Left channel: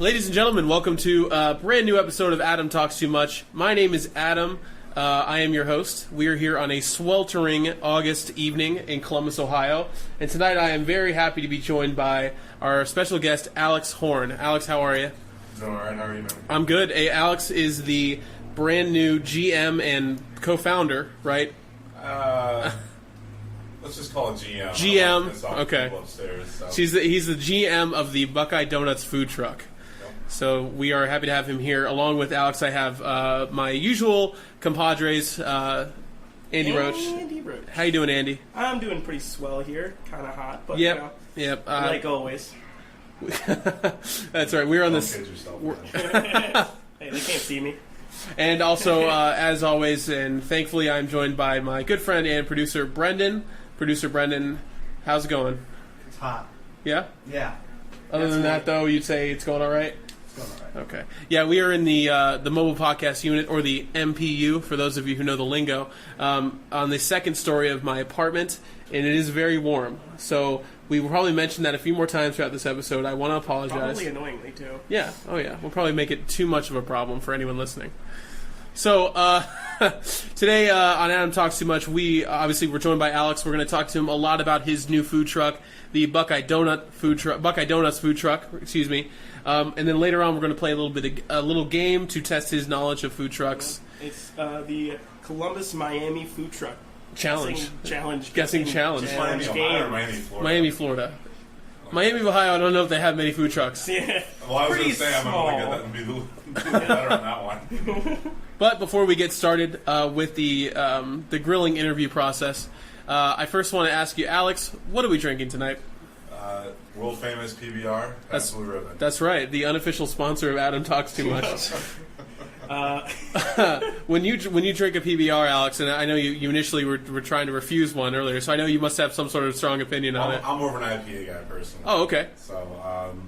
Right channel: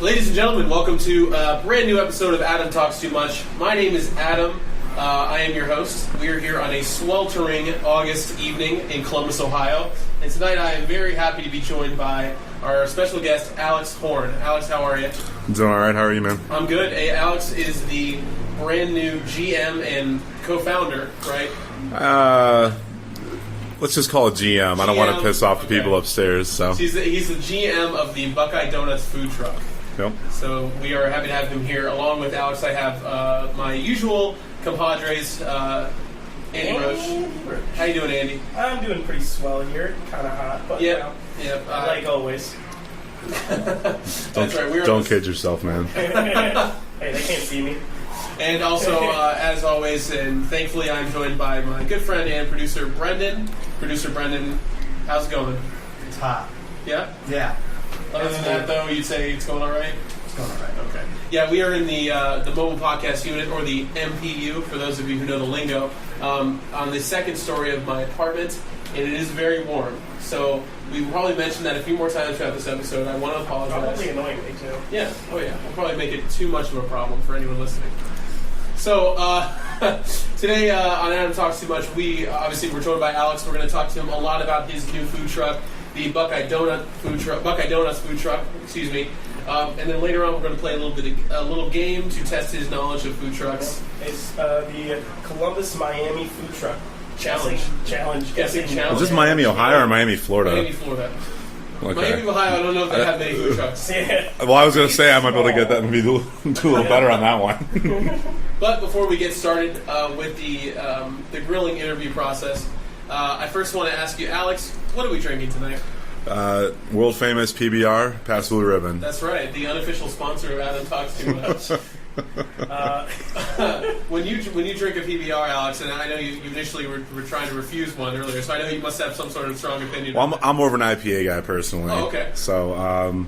Ladies and gentlemen, welcome to a brand new episode of Adam Talks Too Much. My name is Adam. I am your host. We are here on a sweltering August evening in Columbus, Ohio. And tonight I am very happy to be joined by our special guest, Alex Horn. Alex, how are you? I'm doing all right. How are you, man? I'm good. Hey, Alex is the brand new GM and co-founder, right? Let's just call it GM. I don't want to piss off the people upstairs. So he's the GM of the Buckeye Donuts food truck. Yep. So we are happy to have him here. Along with Alex, I have my usual compadres, Andy Roach. How you doing, Andy? I'm doing pretty swell here. Kind of hot, but Yep. like always. That's right. We're don't kid yourself, man. Hey, they can't see me. And also, as always, and thankfully, I'm joined by my good friend and producer, Brendan. Producer Brendan, how's it going? It's hot. Yeah? Yeah. Other than that, though, you'd say it's going all right? It's going all right. Okay. Yeah, we are in the mobile podcast unit, or the MPU, for those of you who know the lingo, on the second story of my apartment, and it is very warm. So we will probably mention that a few more times throughout this episode. I want to apologize. Probably annoying me, too. Yeah. Oh, yeah. We'll probably make it too much of a problem for anyone listening. So today on Adam Talks Too Much, we're joined by Alex. We're going to talk to him a lot about his new food truck, the Buckeye Donuts food truck. Excuse me. And then later on, we're going to play a little game to test his knowledge of food trucks. It's the Columbus, Miami food truck Challenge. Guessing challenge. Is this Miami, Ohio, or Miami, Florida? Miami, Florida. Okay. Miami, Ohio, I don't know if they have many food trucks. Yeah. Well, I was going to say I might be able to get that and do a little better on that one. But before we get started with the grilling interview process, I first want to ask you, Alex, what are we drinking tonight? World famous PBR, Pass Blue Ribbon. That's right, the unofficial sponsor of Adam Talks Too Much. When you drink a PBR, Alex, and I know you initially were trying to refuse one earlier, so I know you must have some sort of strong opinion on it. I'm more of an IPA guy personally. Oh, okay. So,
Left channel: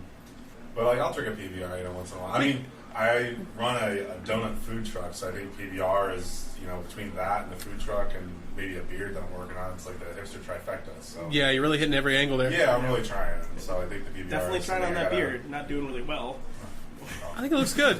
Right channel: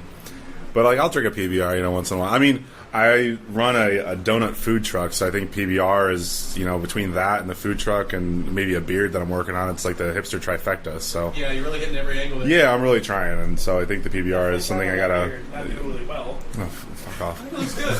but like I'll drink a PBR, once in a while. I mean, I run a donut food truck, so I think PBR is, between that and the food truck and maybe a beard that I'm working on, it's like the hipster trifecta. So yeah, you're really hitting every angle there. Yeah, I'm really trying, and so I think the PBR Definitely is something I gotta. Not doing really well. Oh, fuck off. I think it looks good.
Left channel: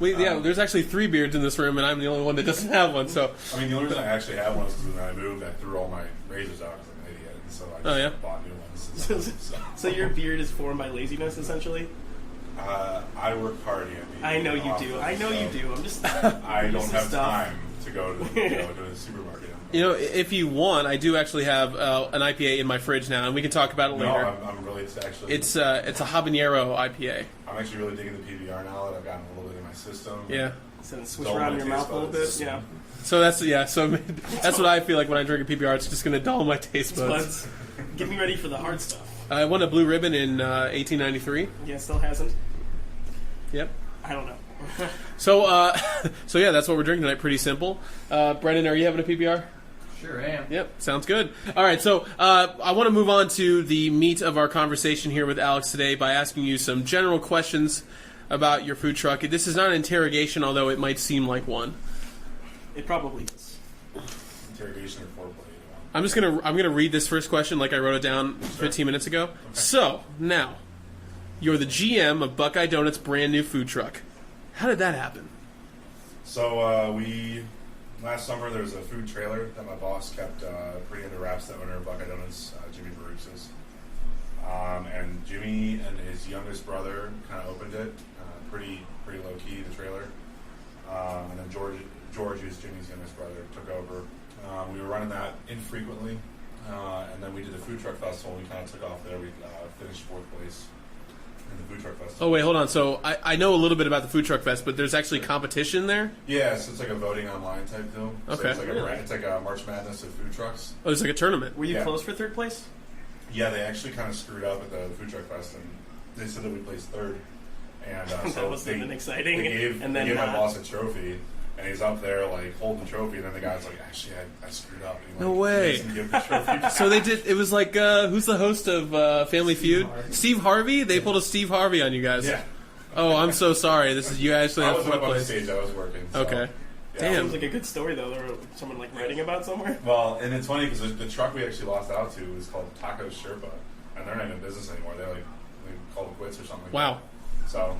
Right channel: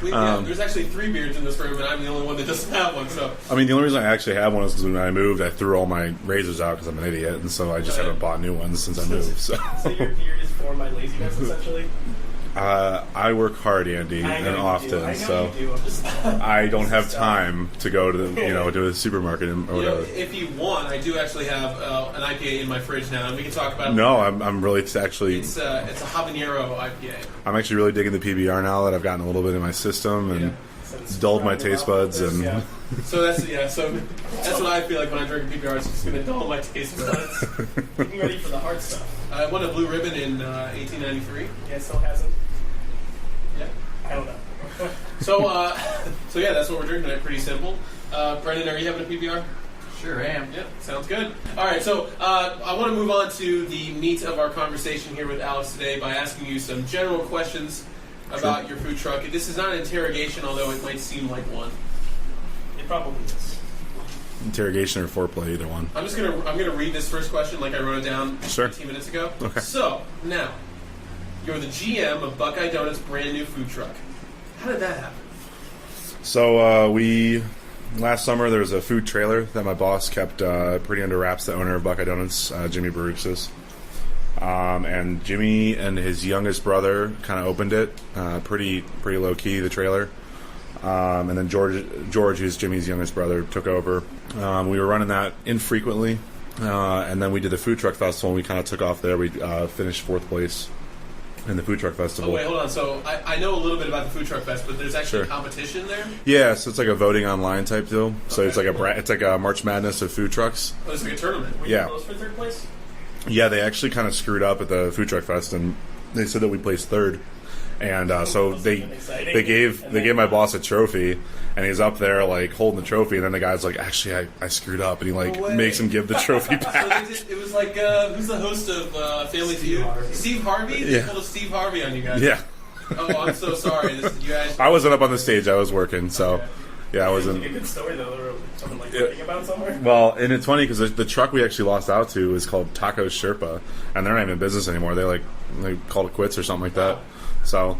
There's actually 3 beards in this room, and I'm the only one that doesn't have one. So I mean, the only reason I actually have one is because when I moved, I threw all my razors out because I'm an idiot, and so I just haven't bought new ones since I moved. So your beard is formed by laziness, essentially. I work hard, Andy, I know and you often, do. I know so you do. I'm just. I don't have time to go to the supermarket. If you want, I do actually have an IPA in my fridge now, and we can talk about it. No, later. I'm really actually. It's a habanero IPA. I'm actually really digging the PBR now that I've gotten a little bit in my system and dulled my taste buds and. Yeah. So that's what I feel like when I drink PBR. It's just going to dull my taste buds. Get me ready for the hard stuff. I won a blue ribbon in 1893. Yeah, still hasn't. Yep. I don't know. So yeah, that's what we're drinking tonight. Pretty simple. Brendan, are you having a PBR? Sure am. Yep, sounds good. All right, so I want to move on to the meat of our conversation here with Alex today by asking you some general questions about your food truck. This is not an interrogation, although it might seem like one. It probably is. Interrogation or foreplay, either one. I'm gonna read this first question like I wrote it down 15 minutes ago. Okay. So now, you're the GM of Buckeye Donuts' brand new food truck. How did that happen? So last summer there was a food trailer that my boss kept pretty under wraps. The owner of Buckeye Donuts, Jimmy Baruchis, and Jimmy and his youngest brother kind of opened it, pretty low key, the trailer. And then George, who's Jimmy's youngest brother, took over. We were running that infrequently, and then we did the food truck festival, and we kind of took off there. We finished 4th place in the food truck festival. Oh, wait, hold on. So I know a little bit about the food truck fest, but there's actually a competition there? Yeah, so it's like a voting online type deal. Okay. So it's like a March Madness of food trucks. Oh, it's like a tournament. Were you close for 3rd place? Yeah, they actually kind of screwed up at the food truck fest, and they said that we placed 3rd. And so they gave my boss a trophy, and he's up there like holding the trophy, and then the guy's like, "Actually, I screwed up," and he makes him give the trophy back. So it was like who's the host of Family Feud? Steve Harvey. They pulled a Steve Harvey on you guys. Yeah. Oh, I'm so sorry. This is you actually. I wasn't up on the stage. I was working. So. Okay. Yeah, I wasn't. Like a good story though. Or someone like writing about somewhere. Well, and it's funny because the truck we actually lost out to is called Taco Sherpa, and they're not even in business anymore. They called it quits or something like that. So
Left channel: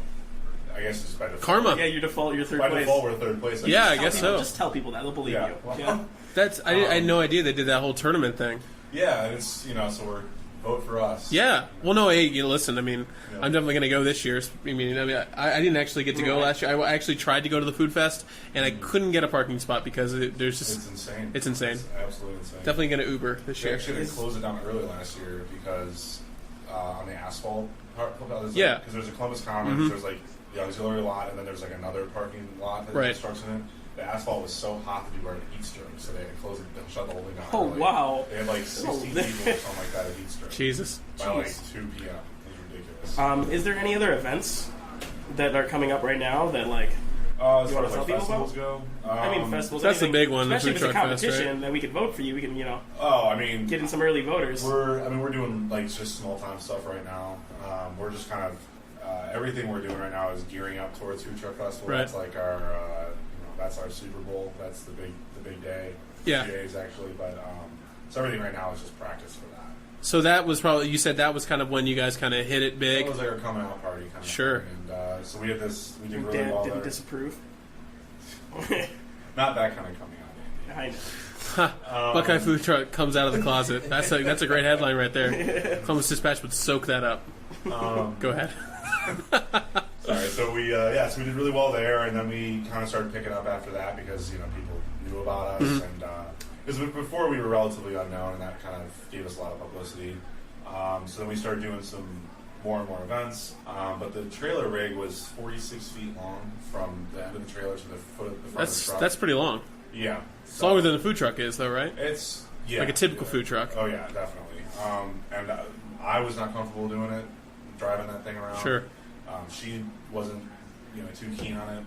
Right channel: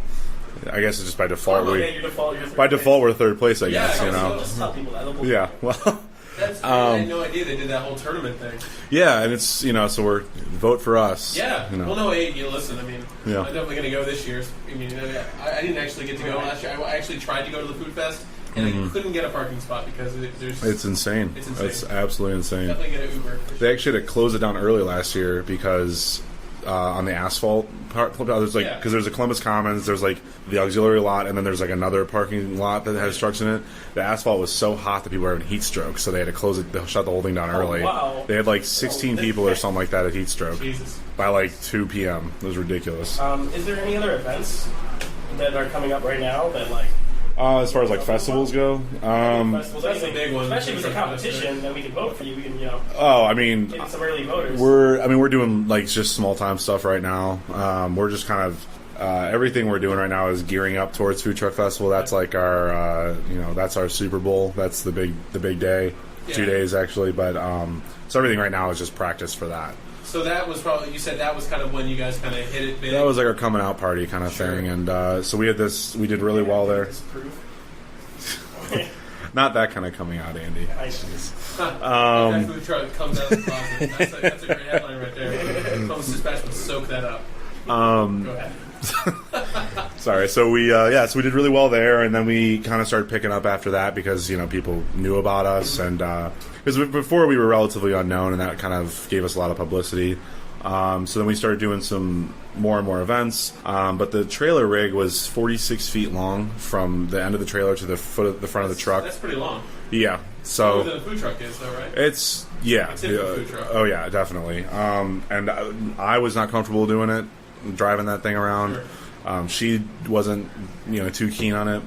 I guess it's just by default. Karma. Yeah, your default, you're third By place. default, we're third place. I Yeah, guess. I guess you know? so. Just tell people that. They'll believe Yeah. you. Well. That's I had no idea they did that whole tournament thing. Yeah, and it's so we're vote for us. Yeah. You know. Well, no, hey, listen. I mean, Yeah. I'm definitely going to go this year. I didn't actually get to go last year. I actually tried to go to the food fest, and I couldn't get a parking spot because there's. It's insane. It's insane. It's absolutely insane. Definitely going to Uber. This They year. actually had to close it down early last year because on the asphalt part, there's like because there's a Columbus Commons, there's like the auxiliary lot, and then there's like another parking lot that has trucks in it. The asphalt was so hot that people were having heat stroke, so they had to close it, shut the whole thing down early. Wow. They had like 16 people or something like that at heat stroke Jesus. by like 2 p.m. It was ridiculous. Is there any other events that are coming up right now that like? As far as like festivals go, Festivals, that's the anything, big one, Especially if food it's a truck fest, competition, then we can vote for you. We can I mean, get in some early voters. we're doing like just small time stuff right now. We're just kind of everything we're doing right now is gearing up towards Food Truck Festival. Right. That's like our that's our Super Bowl. That's the big day. Yeah. 2 days actually, but so everything right now is just practice for that. So that was probably, you said that was kind of when you guys kind of hit it big. That was like our coming out party kind of Sure. thing, and so we did really well there. Disapprove. Not that kind of coming out, Andy. I know. Buckeye food truck comes out of the closet. That's a great headline right there. Thomas Dispatch would soak that up. Go ahead. Sorry. So we we did really well there, and then we kind of started picking up after that because people knew about us, and because before we were relatively unknown, and that kind of gave us a lot of publicity. So then we started doing some more and more events, but the trailer rig was 46 feet long from the end of the trailer to the front of the truck. That's pretty long. Yeah. So Longer than a food truck is, though, right? it's like a typical food truck. Oh yeah, definitely. And I was not comfortable doing it, driving that thing around. Sure. She wasn't too keen on it.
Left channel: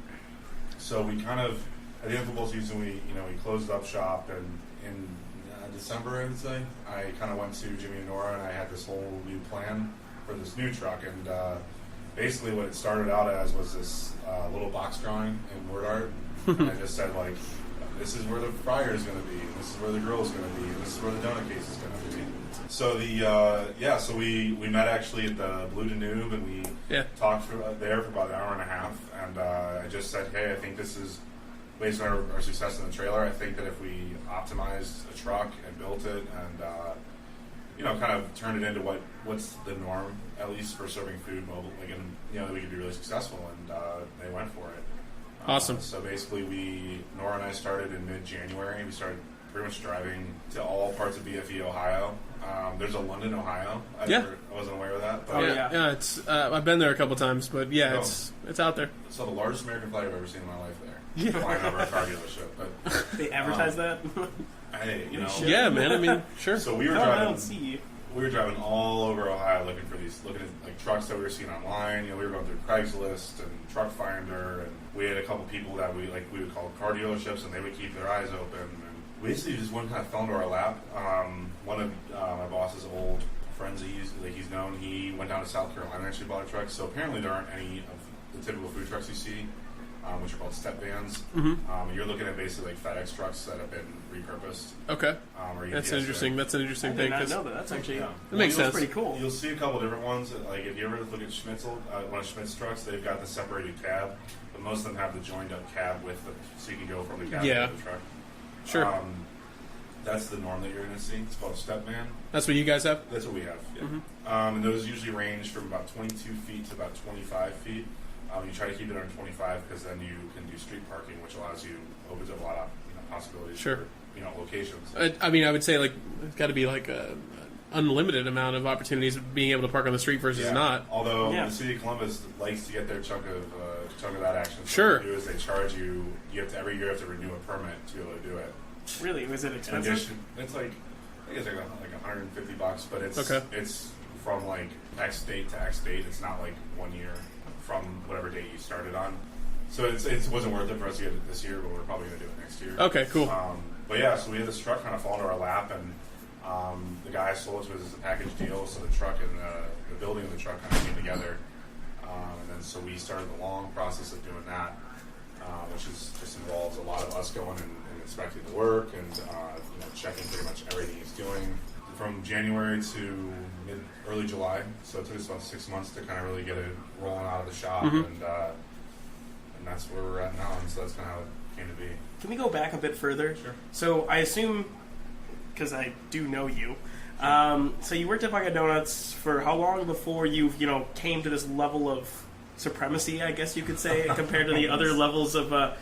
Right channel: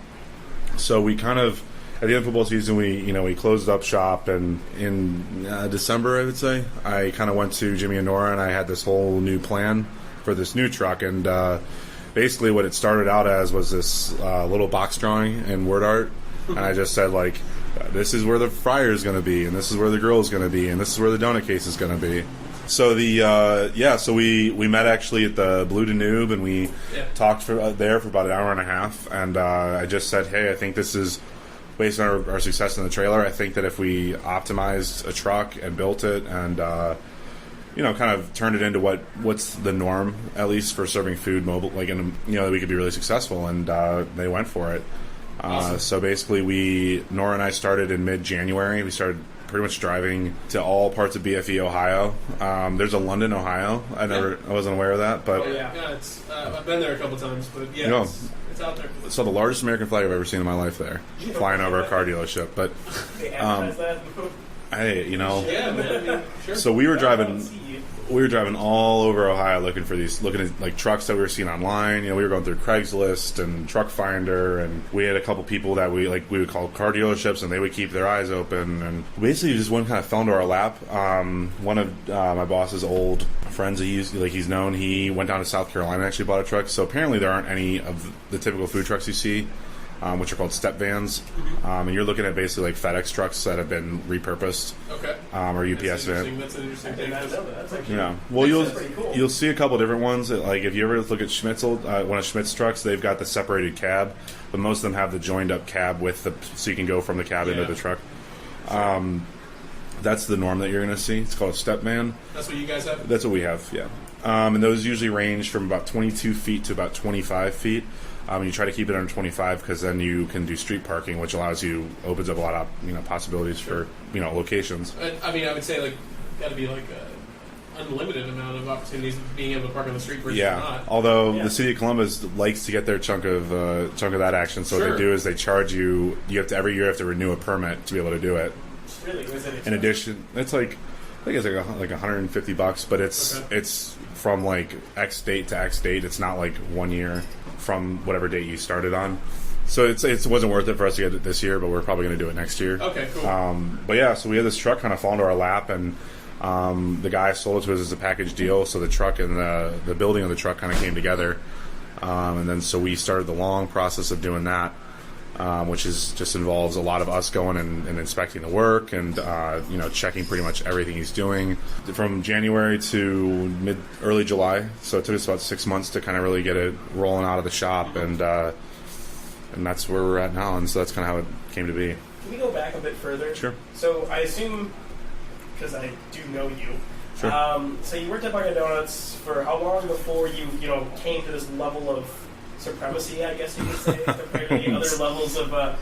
So we kind of at the end of football season we closed up shop, and in December I would say I kind of went to Jimmy and Nora and I had this whole new plan for this new truck, and basically what it started out as was this little box drawing in word art, and I just said like, this is where the fryer is going to be, and this is where the grill is going to be, and this is where the donut case is going to be. So so we met actually at the Blue Danube, and we talked there for about an hour and a half, and I just said, hey, I think this is based on our success in the trailer. I think that if we optimized a truck and built it and kind of turned it into what's the norm, at least for serving food mobile, like that we could be really successful, and they went for it. Awesome. So basically, Nora and I started in mid-January. We started pretty much driving to all parts of BFE, Ohio. There's a London, Ohio. I wasn't aware of that, but Yeah, it's I've been there a couple times, but it's out there. saw the largest American flag I've ever seen in my life there, flying over a car dealership. But They advertise that. hey, Yeah, man. I mean, sure. So we were I driving. don't see you. We were driving all over Ohio looking at like trucks that we were seeing online. We were going through Craigslist and Truck Finder, and we had a couple people that we would call car dealerships, and they would keep their eyes open. And basically, just one kind of fell into our lap. One of my boss's old friends, he's known. He went down to South Carolina and actually bought a truck. So apparently, there aren't any of the typical food trucks you see, which are called step vans. And you're looking at basically like FedEx trucks that have been repurposed. Okay. Or UPS That's interesting. van. That's an interesting I thing. did not 'Cause- know that. That's actually Yeah. Makes you'll sense. pretty cool. You'll see a couple different ones. Like if you ever look at Schmitzel, one of Schmidt's trucks, they've got the separated cab, but most of them have the joined up cab so you can go from the cab into the truck. Sure. That's the norm that you're going to see. It's called a step van. That's what you guys have? That's what we have. Yeah. And those usually range from about 22 feet to about 25 feet. You try to keep it under 25 because then you can do street parking, which opens up a lot of possibilities for locations. I mean, I would say like got to be like a unlimited amount of opportunities of being able to park on the street versus not. Although the city of Columbus likes to get their chunk of that action, so what they do is they charge you. You have to every year you have to renew a permit to be able to do it. Really? Was it expensive? In addition, it's like I think it's like $150, but it's from like X date to X date. It's not like 1 year from whatever date you started on. So it wasn't worth it for us to get it this year, but we're probably going to do it next year. Okay, cool. But yeah, so we had this truck kind of fall into our lap, and the guy sold it to us as a package deal. So the truck and the building of the truck kind of came together, and then so we started the long process of doing that. which is just involves a lot of us going and inspecting the work and checking pretty much everything he's doing from January to early July. So it took us about 6 months to kind of really get it rolling out of the shop, and that's where we're at now. And so that's kind of how it came to be. Can we go back a bit further? Sure. So I assume, because I do know you, Sure. So you worked at Buckeye Donuts for how long before you came to this level of supremacy, I guess you could say, compared to the other levels of Buckeye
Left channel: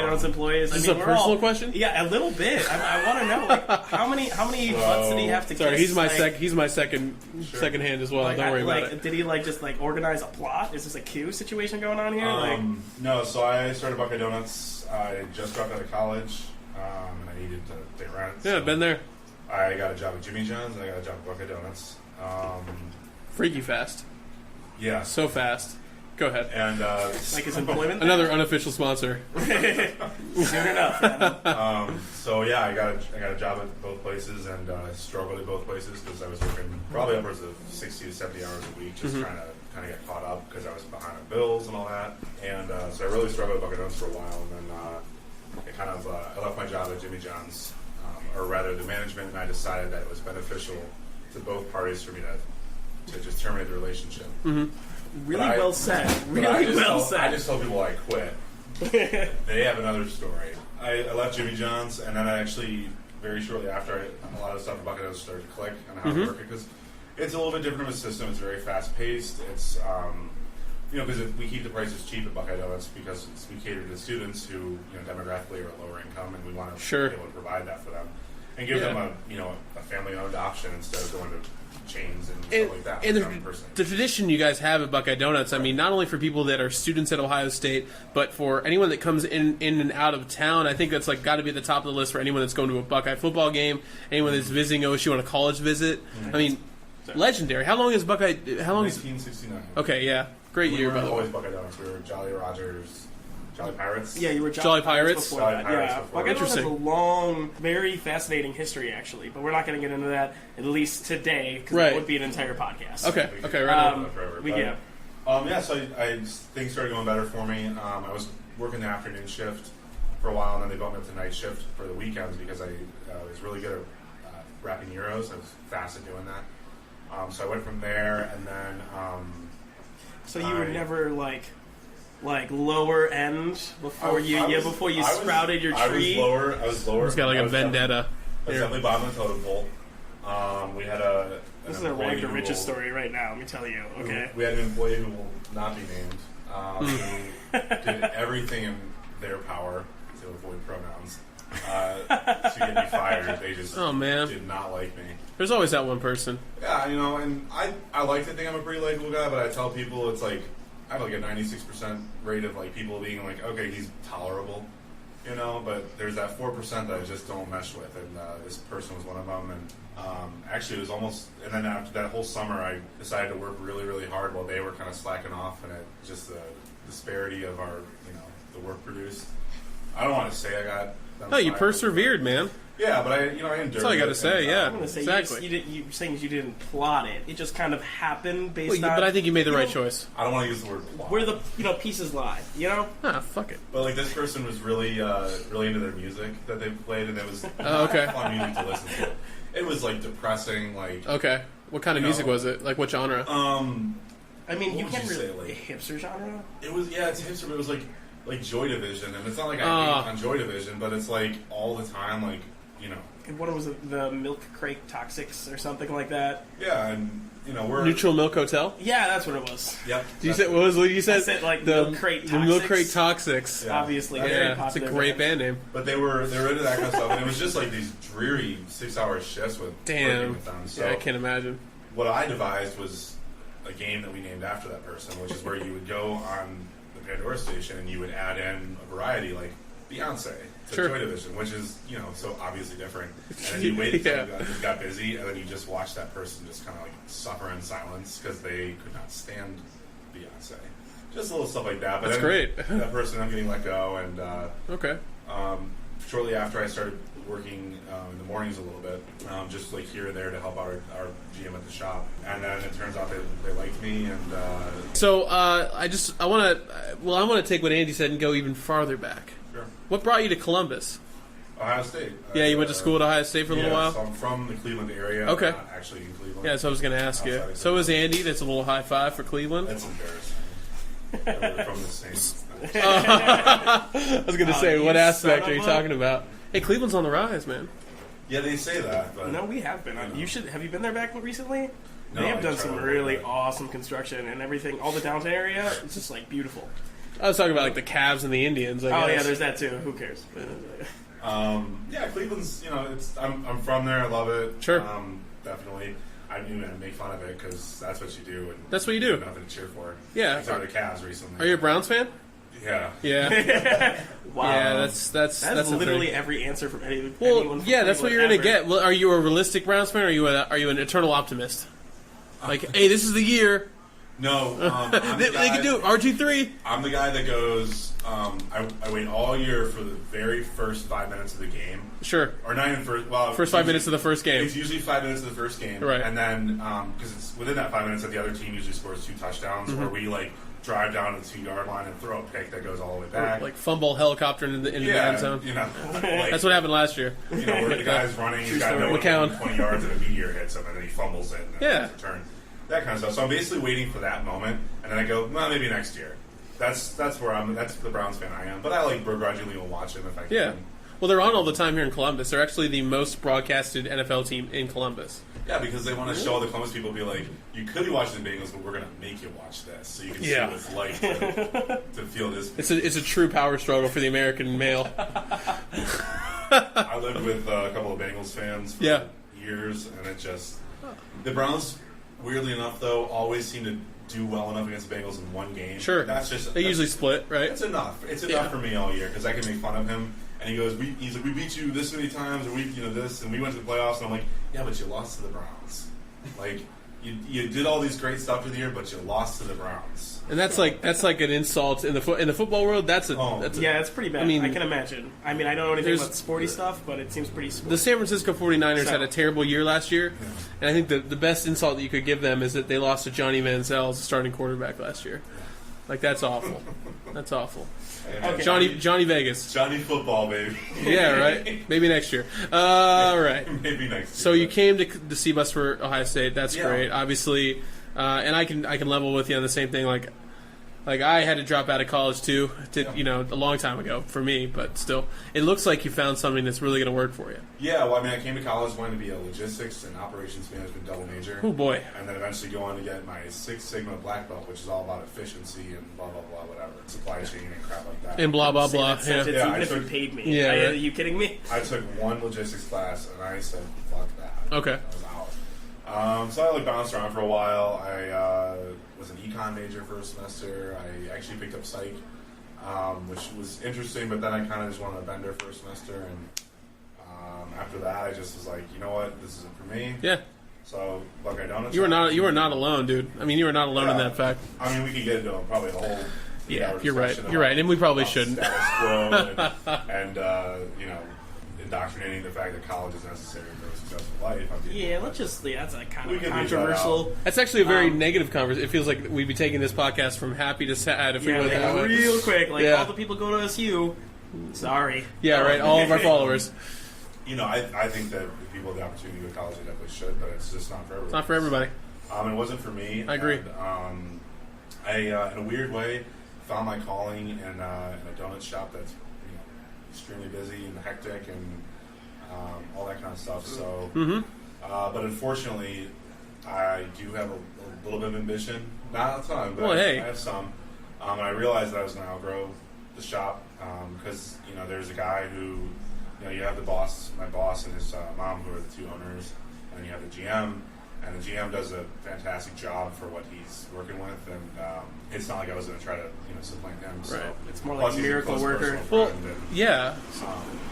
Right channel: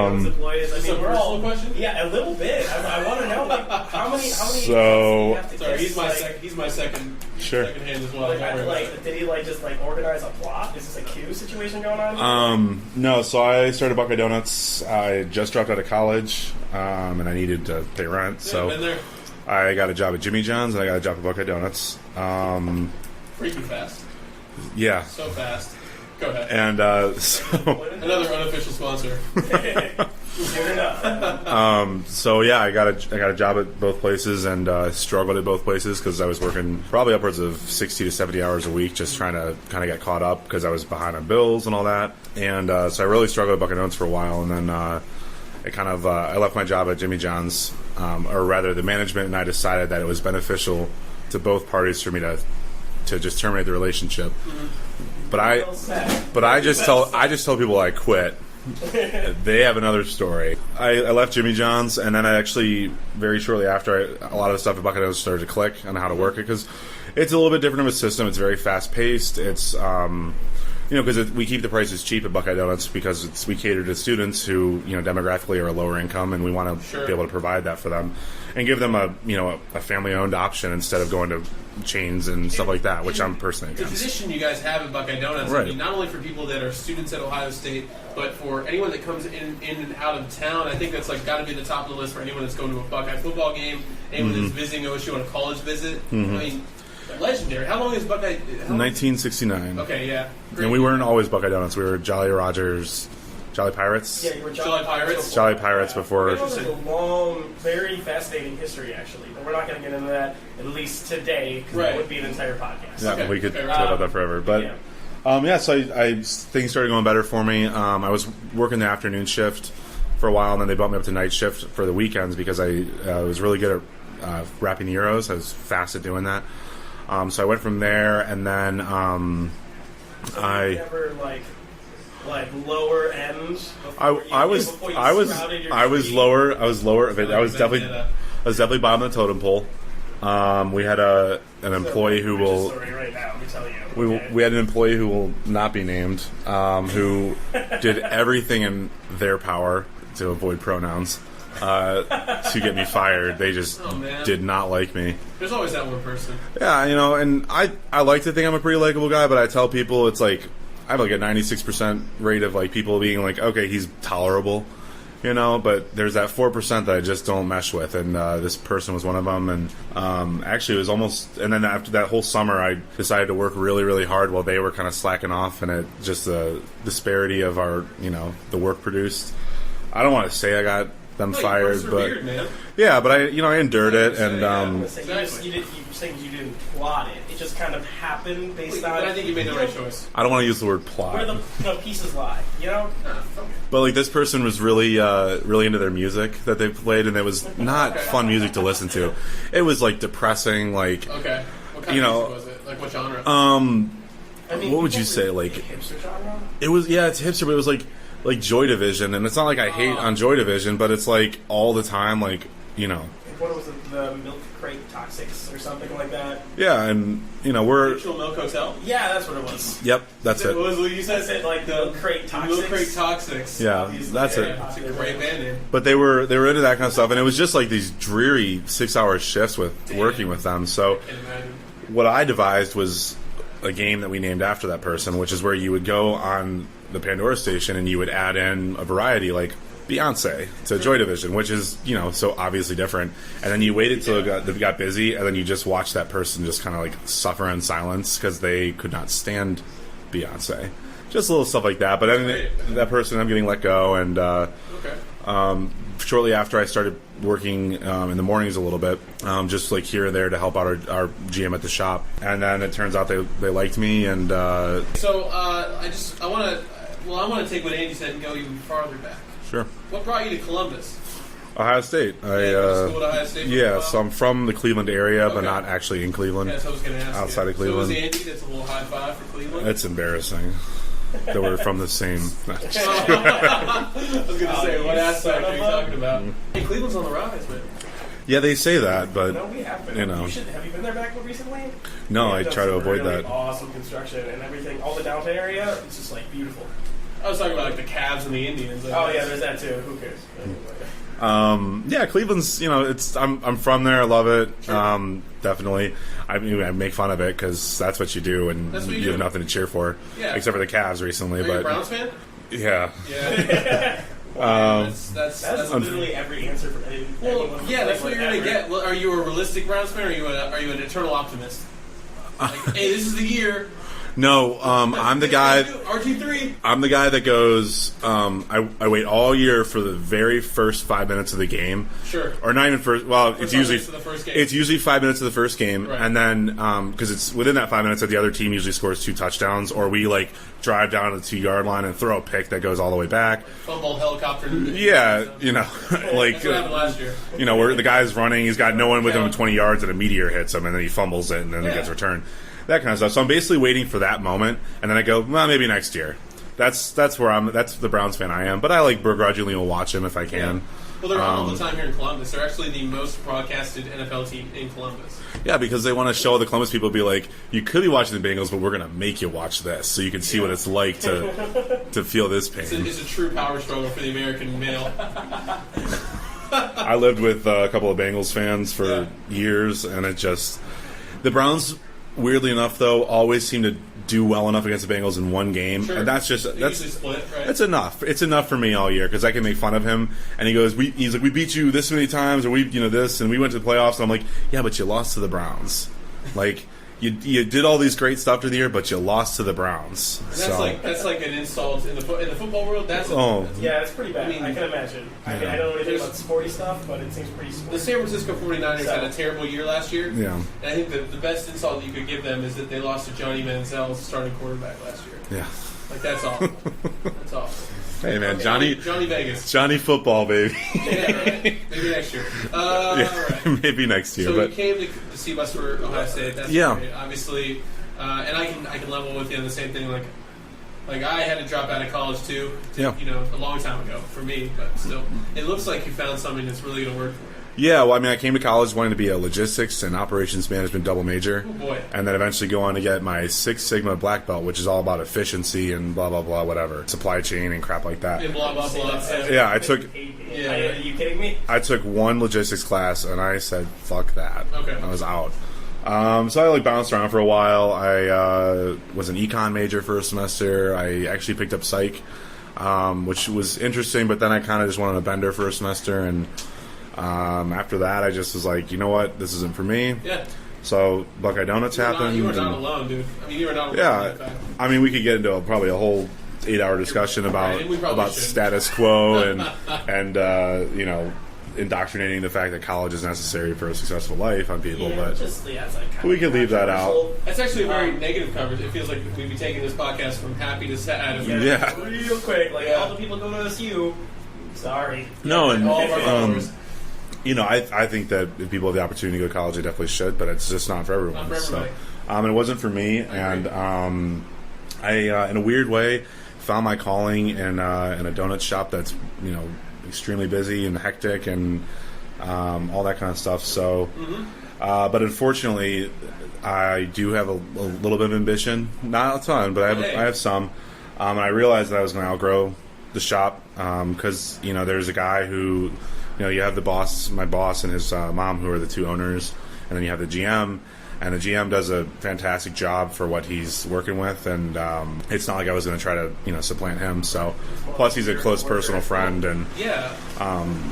Donuts employees? Is this a personal question? Yeah, a little bit. I want to know, like, how many months did he have to Sorry, kiss? he's my second Sure. second hand as well. Don't worry about it. Did he just organize a plot? Is this a Q situation going on here? No, so I started Buckeye Donuts. I had just dropped out of college, and I needed to pay rent. Yeah, so been there. I got a job at Jimmy John's, and I got a job at Buckeye Donuts. Freaky fast. Yeah. So fast. Go ahead. And Like his employment? Another unofficial sponsor. Fair enough. so yeah, I got a job at both places and struggled at both places because I was working probably upwards of 60 to 70 hours a week, just trying to kind of get caught up because I was behind on bills and all that. And so I really struggled at Buckeye Donuts for a while, and then I left my job at Jimmy John's, or rather, the management and I decided that it was beneficial to both parties for me to just terminate the relationship. But Really well said. I Really just well tell people I quit. They have another story. I left Jimmy John's, and then I actually very shortly after a lot of the stuff at Buckeye Donuts started to click on how to work it, because it's a little bit different of a system. It's very fast paced. It's because we keep the prices cheap at Buckeye Donuts because we cater to students who demographically are lower income, and we want to be able to provide that for them and give them a family owned option instead of going to chains and stuff like that, which I'm personally the against. tradition you guys have at Buckeye Donuts, I Right. mean, not only for people that are students at Ohio State, but for anyone that comes in and out of town, I think that's got to be at the top of the list for anyone that's going to a Buckeye football game, anyone that's visiting OSU on a college visit. I mean, legendary. How long is Buckeye? 1969. Okay, yeah, great. And we year, weren't though. always Buckeye Donuts. We were Jolly Rogers, Jolly Pirates. Yeah, you were Jolly Pirates? before. Jolly Pirates before. Buckeye Donuts has a long, very fascinating history, actually, but we're not going to get into that, at least today, because Right. that would be an entire podcast. Yeah, Okay, we could okay, talk right. about that forever. But so things started going better for me. I was working the afternoon shift for a while, and then they bumped me up to night shift for the weekends because I was really good at wrapping the Euros. I was fast at doing that. So I went from there, and then So you were never like lower end before you sprouted your tree? I was lower. I was lower. It's got I was a vendetta. definitely bottom of the totem pole. We had an employee who will. Story right now, let me tell you. We, Okay. we had an employee who will not be named, who did everything in their power to avoid pronouns to get me fired. They just Oh, man. did not like me. There's always that one person. Yeah, and I like to think I'm a pretty likable guy, but I tell people it's like I have like a 96% rate of like people being like, okay, he's tolerable, but there's that 4% that I just don't mesh with, and this person was one of them. And actually it was almost, and then after that whole summer I decided to work really, really hard while they were kind of slacking off, and it just the disparity of our the work produced. I don't want to say I got them No, you fired, persevered, man. yeah, but I endured That's all you it, gotta say, yeah. and Exactly. You saying you didn't plot it. It just kind of happened based on. But I think you made the right choice. I don't want to use the word plot. Where the pieces lie, Ah, fuck it. But like this person was really really into their music that they played, and it was not Okay. fun music to listen to. It was like depressing, like Okay. What kind of music was it? Like what genre? I mean, what would you can't say, really- like- hipster genre? it was it's hipster, but it was like Joy Division, and it's not like I hate on Joy Division, but it's like all the time, like What was it? The Milk Crate Toxics or something like that? yeah, and we're Neutral Milk Hotel? Yeah, that's what it was. yep, that's you said, it. What was what you said? I said, like, the Milk Crate The Milk Toxics. Crate Toxics. Yeah, Obviously, that's Yeah, it. it's a great band name. But they were into that kind of stuff, and it was just like these dreary 6-hour shifts with Damn. working with them. So I can't imagine. what I devised was a game that we named after that person, which is where you would go on the Pandora station and you would add in a variety like Beyonce to Sure. Joy Division, which is so obviously different. And then you waited till it got busy, and then you just watched that person just kind of like suffer in silence because they could not stand Beyonce. Just little stuff like that. But That's then great. that person, I'm getting let go, and Okay. shortly after I started working in the mornings a little bit, just like here or there to help out our GM at the shop. And then it turns out they liked me, and So I want to well, I want to take what Andy said and go even farther back. Sure. What brought you to Columbus? Ohio State. Yeah, you went to school at Ohio State for a little while? So I'm from the Cleveland area, but Okay. not actually in Cleveland. Yeah, so I was going to ask Outside you. of So was Cleveland. Andy. That's a little high five for Cleveland. It's embarrassing that we're from the same. I was going to say, what you aspect son are you of a- talking about? Hey, Cleveland's on the rise, man. Yeah, they say that, but No, we have been. you know. Have you been there back recently? No, They have I done try to some avoid really that. awesome construction and everything. All the downtown area, it's just like beautiful. I was talking about like the Cavs and the Indians. I Oh guess. yeah, there's that too. Who cares? Yeah, Cleveland's. It's. I'm from there. I love it. Sure. Definitely. I make fun of it because that's what you do, and That's what you you do. have nothing to cheer for. Yeah. Except for the Cavs recently. Are you a but Browns fan? Yeah. Yeah. Wow. Yeah, that's That's something. literally every answer from anyone. Well, from yeah, that's what you're Cleveland gonna ever. get. Well, are you a realistic Browns fan, or are you an eternal optimist? Like, hey, this is the year. No, I'm the guy. RG3. I'm the guy that goes. I wait all year for the very first 5 minutes of the game. Sure. Or not even first. Well, First it's 5 usually, minutes of the first game. It's usually 5 minutes of the first game, Right. and then because it's within that 5 minutes that the other team usually scores 2 touchdowns, or we like drive down to the 2-yard line and throw a pick that goes all the way back. Like fumble helicopter in the end Yeah, zone. like That's what happened last year. where the guy's running, he's got no one with him Count. 20 yards, and a meteor hits him, and then he fumbles it, and then it Yeah. gets returned. That kind of stuff. So I'm basically waiting for that moment, and then I go, well, maybe next year. That's where I'm. That's the Browns fan I am. But I like begrudgingly will watch him if I can. Yeah. Well, they're on all the time here in Columbus. They're actually the most broadcasted NFL team in Columbus. Yeah, because they want to show the Columbus people, be like, you could be watching the Bengals, but we're going to make you watch this, so you can see Yeah. what it's like to feel this pain. It's a true power struggle for the American male. I lived with a couple of Bengals fans for Yeah. years, and the Browns, weirdly enough, though, always seem to do well enough against the Bengals in one game, Sure. and that's They usually split, right? That's enough. It's enough Yeah. for me all year because I can make fun of him. And he goes, he's like, we beat you this many times, or this, and we went to the playoffs. And I'm like, yeah, but you lost to the Browns. Like, you did all these great stuff through the year, but you lost to the Browns. And that's So- that's like an insult in the football world. That's a Yeah, it's pretty bad. I mean- I can imagine. I mean, I don't know anything There's- about sporty stuff, but it seems pretty The sporty. San Francisco 49ers So- had a terrible year last year. yeah, And I think the best insult that you could give them is that they lost to Johnny Manziel as the starting quarterback last year. yeah. Like, that's awful. That's awful. Hey man, Okay. Johnny Johnny Vegas. football, baby. Yeah, right? Maybe next year. All right. Maybe next year. So you but- came to see us for Ohio State. That's Yeah. great. Obviously, and I can level with you on the same thing. Like I had to drop out of college too. Yeah. A long time ago for me, but still, it looks like you found something that's really going to work for you. Yeah, well, I mean, I came to college wanting to be a logistics and operations management double major. Oh boy. And then eventually go on to get my Six Sigma black belt, which is all about efficiency and blah, blah, blah, whatever. Supply chain and crap like that. And blah blah Say blah. that sentence Yeah, even I if took- you paid me. Yeah, Are right. you kidding me? I took one logistics class, and I said, fuck that. Okay. I was out. So I bounced around for a while. I was an econ major for a semester. I actually picked up psych, which was interesting, but then I kind of just went on a bender for a semester, and after that, I just was like, you know what, this isn't for me. Yeah. So Buckeye Donuts happened. You were not and- alone, dude. I mean, you were not alone in that fact. I mean, we could get into probably a whole 8-hour discussion You're about, right, and we probably about shouldn't. status quo and indoctrinating the fact that college is necessary for a successful life on people. Yeah, but it's like kind We of can leave that out. controversial. That's actually a very Um, negative conversation. It feels like we'd be taking this podcast from happy to sad. If we Yeah, were Yeah. that way. real quick. Like Yeah. all the people go to SU. Sorry. Yeah, No, right. and- All of our followers. I think that if people have the opportunity to go to college, they definitely should, but it's just not for everyone. Not for everybody. So, and it wasn't for me. I agree. And I in a weird way, found my calling in a donut shop that's extremely busy and hectic and all that kind of stuff. So, but unfortunately, I do have a little bit of ambition, not a ton, but Well, I hey. have some. And I realized that I was going to outgrow the shop because there's a guy who. You have my boss and his mom, who are the two owners, and then you have the GM, and the GM does a fantastic job for what he's working with, and it's not like I was going to try to supplant him. So, It's more plus like he's a miracle close worker. personal friend, and Yeah.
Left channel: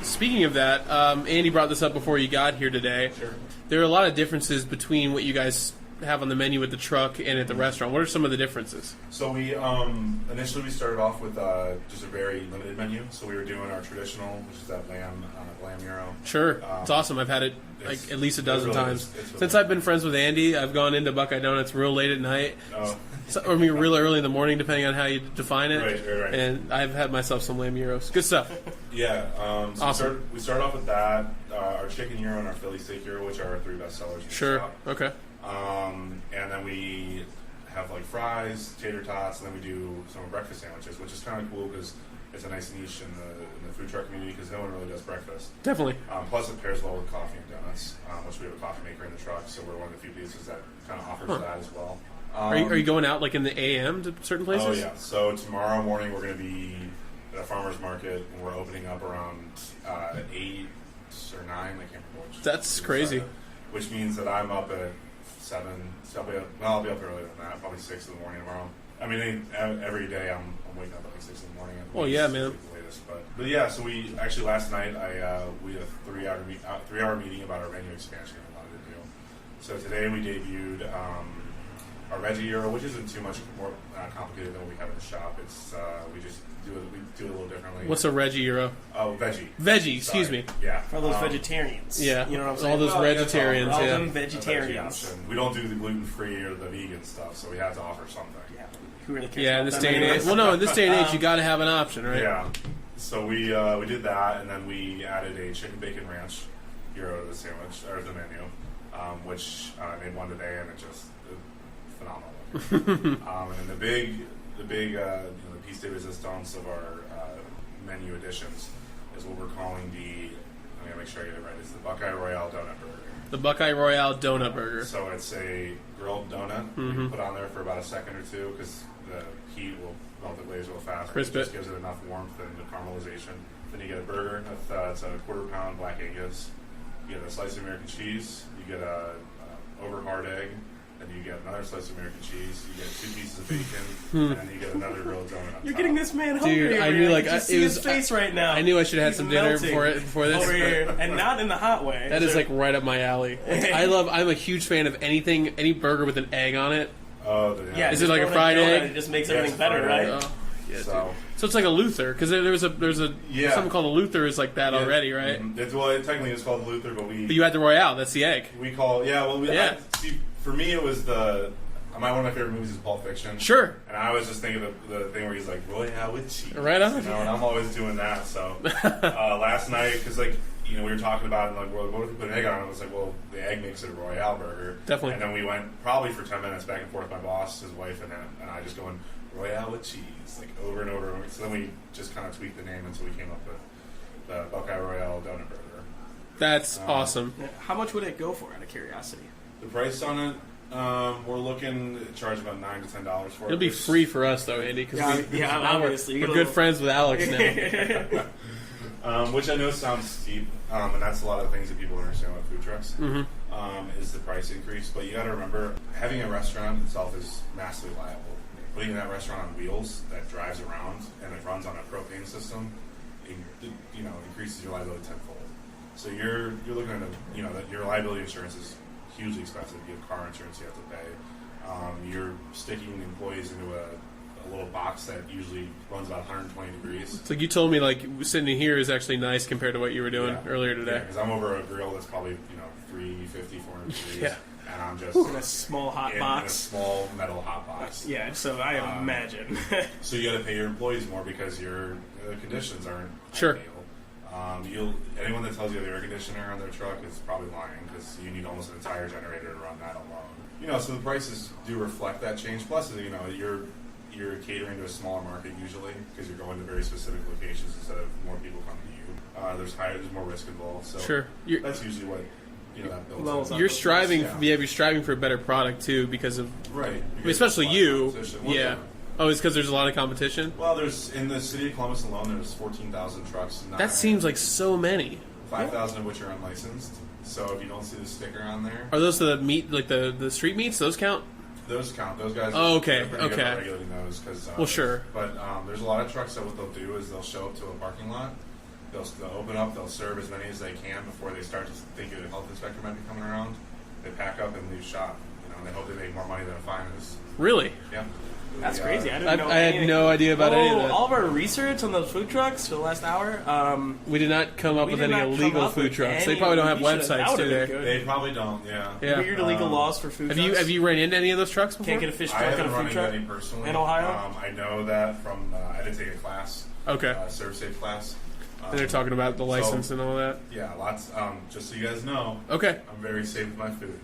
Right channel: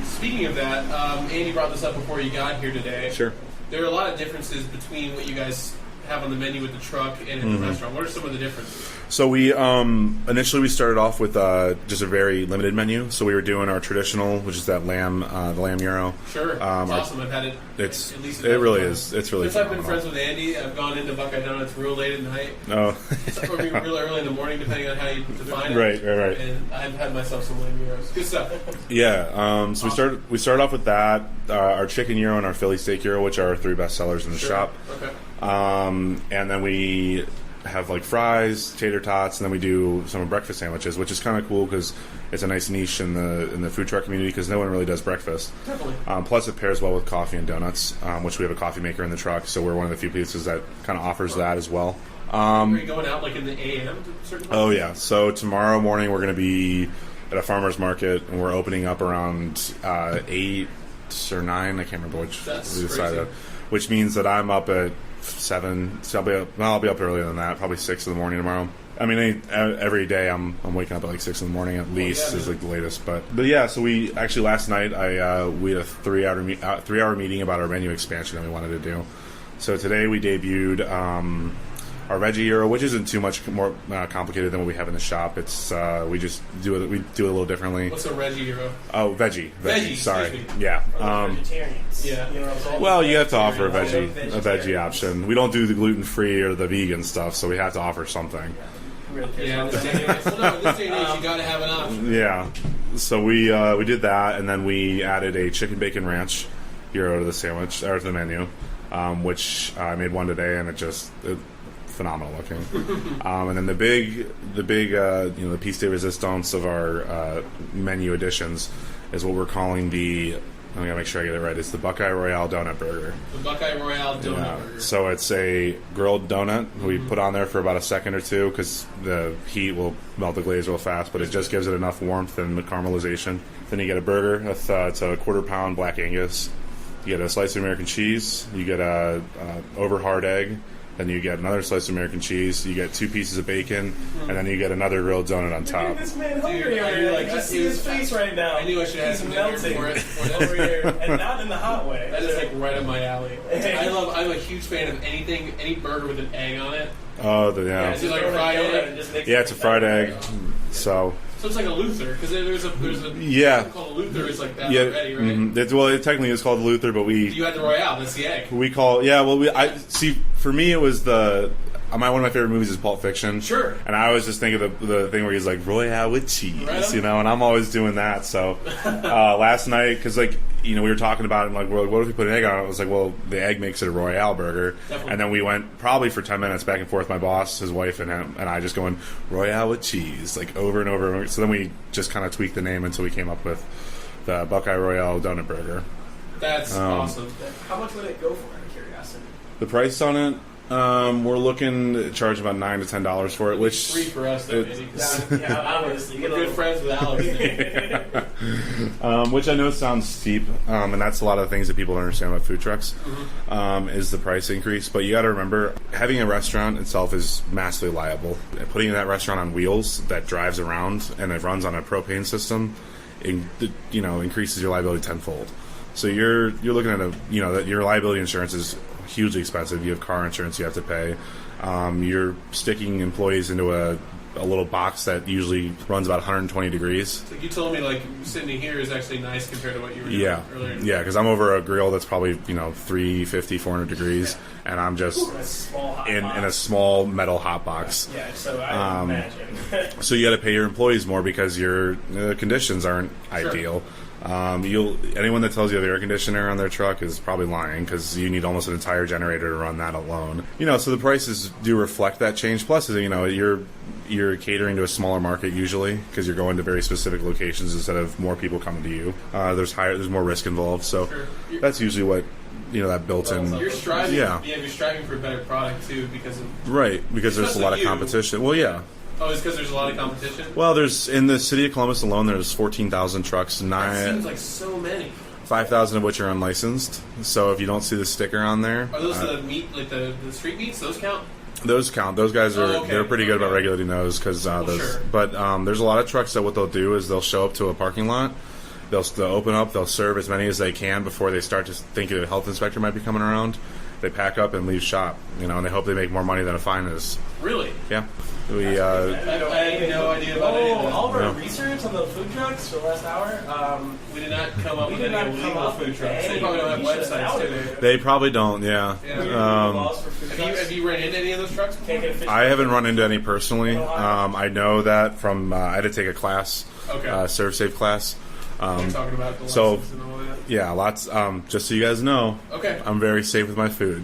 Speaking of that, Andy brought this up before you got here today. sure, There are a lot of differences between what you guys have on the menu at the truck and at the restaurant? What are some of the differences? So we initially we started off with just a very limited menu. So we were doing our traditional, which is that lamb, the lamb gyro. Sure, it's awesome. I've had it at least a dozen it really times. is. It's really since I've been friends with Andy, I've gone into Buckeye Donuts real late at night, Oh, or maybe real early in the morning, depending on how you define it. right. And I've had myself some lamb gyros. Good stuff. Yeah. So Awesome. we started off with that, our chicken gyro and our Philly steak gyro, which are our 3 best sellers in the Sure. shop. Okay. And then we have like fries, tater tots, and then we do some breakfast sandwiches, which is kind of cool because it's a nice niche in the food truck community because no one really does breakfast. Definitely. Plus, it pairs well with coffee and donuts, which we have a coffee maker in the truck, so we're one of the few places that kind of offers that as well. Are you going out like in the AM to certain places? Oh yeah. So tomorrow morning we're going to be at a farmer's market, and we're opening up around 8 or 9. I can't remember which. That's we crazy. decided. Which means that I'm up at 7. So I'll be up earlier than that, probably 6 in the morning tomorrow. I mean, every day I'm waking up at like 6 in the morning at least is like the latest. But yeah, so we actually last night we had a 3-hour meeting about our menu expansion that we wanted to do. So today we debuted our veggie gyro, which isn't too much more complicated than what we have in the shop. It's we just do it a little differently. What's a Reggie gyro? Oh, veggie. Veggie, sorry. excuse me. Yeah. For those vegetarians. Yeah. You know what I'm saying? All those Well, you have to offer a vegetarians, yeah. veggie, a veggie option. We don't do the gluten-free or the vegan stuff, so we have to offer something. Who really cares Yeah, in about this that? day and age. Well, no, in this day and age, you got to have an option. Right? Yeah. So we did that, and then we added a chicken bacon ranch gyro to the sandwich or to the menu, which I made one today, and it phenomenal looking. And then the big the piece de resistance of our menu additions is what we're calling I'm gonna make sure I get it right. It's the Buckeye Royale Donut Burger. The Buckeye Royale Donut Yeah. Burger. So it's a grilled donut. We put on there for about a second or two because the heat will melt the glaze real fast, but it just gives it enough warmth and the caramelization. Then you get a burger. It's a 1/4 pound black Angus. You get a slice of American cheese. You get a over hard egg. Then you get another slice of American cheese. You get 2 pieces of bacon, and then you get another grilled donut on You're top. getting this man hungry. Dude, I knew, already. like, I just it see his was- face right now. I knew I should have had He's some dinner melting before this. over here, and not in the hot way. That is like right up my alley. I'm a huge fan of any burger with an egg on it. Oh, Yeah, Is just it like a throwing fried donut, egg? It just makes Yeah, it's a everything fried better, egg. right? So So it's like a Luther because there's a Yeah. something called a Luther is like that yeah, already, right? it technically is called Luther, but But you had the Royale. That's the egg. we call Yeah. see. For me, it was one of my favorite movies is Pulp Fiction. Sure. And I always just think of the thing where he's like Royale with cheese, Right on. and I'm always doing that. So last night, because we were talking about it, and like, well, what if we put an egg on it? I was like, well, the egg makes it a Royale burger. Definitely. And then we went probably for 10 minutes back and forth. My boss, his wife, and him, and I just going Royale with cheese, like over and over. So then we just kind of tweaked the name until we came up with the Buckeye Royale Donut Burger. That's awesome. How much would it go for, out of curiosity? The price on it, we're looking to charge about $9 to $10 for it, It'll be which free for us though, Andy. Cause Yeah, obviously. we're good friends with Alex now. which I know sounds steep, and that's a lot of the things that people don't understand about food trucks, is the price increase. But you got to remember, having a restaurant itself is massively liable. Putting that restaurant on wheels that drives around and it runs on a propane system, increases your liability tenfold. So you're looking at that your liability insurance is hugely expensive. You have car insurance you have to pay. You're sticking employees into a little box that usually runs about 120 degrees. It's like you told me, like sitting here is actually nice compared to what you were doing earlier today. Yeah, because I'm over a grill that's probably 350, 400 degrees, and I'm just In a small hot in box. a small metal hot box. Yeah, so I imagine. So you got to pay your employees more because your conditions aren't Sure. ideal. Anyone that tells you the air conditioner on their truck is probably lying because you need almost an entire generator to run that alone. So the prices do reflect that change. Plus, you're catering to a smaller market usually because you're going to very specific locations instead of more people coming to you. There's more risk involved. So Sure. that's usually what that built in. You're striving. Yeah. You're striving for a better product too because of Right, because there's a lot of Especially you. competition. Well, yeah. Oh, it's because there's a lot of competition. Well, there's in the city of Columbus alone, there's 14,000 trucks. That seems like so many. 5,000 of which are unlicensed. So if you don't see the sticker on there, Are those the meat, like the street meats? Those count? those count. Those guys are they're pretty good about okay. regulating those because sure. But there's a lot of trucks that what they'll do is they'll show up to a parking lot. They'll open up. They'll serve as many as they can before they start to think a health inspector might be coming around. they pack up and leave shop. And they hope they make more money than a fine is. Really? Yeah. That's crazy. I had no idea about any of that. All of our research on the food trucks for the last hour. We did not come up with any illegal food trucks. They probably don't have websites, do they? They probably don't. Yeah. Yeah. Weird illegal laws for food trucks. Have you ran into any of those trucks before? Can't get a fish I truck haven't or a run food into truck any personally. in Ohio? I know that from I had to take a class, Okay. Serve Safe class. And they're talking about the license and all that. Yeah, lots. Just so you guys know, Okay. I'm very safe with my food.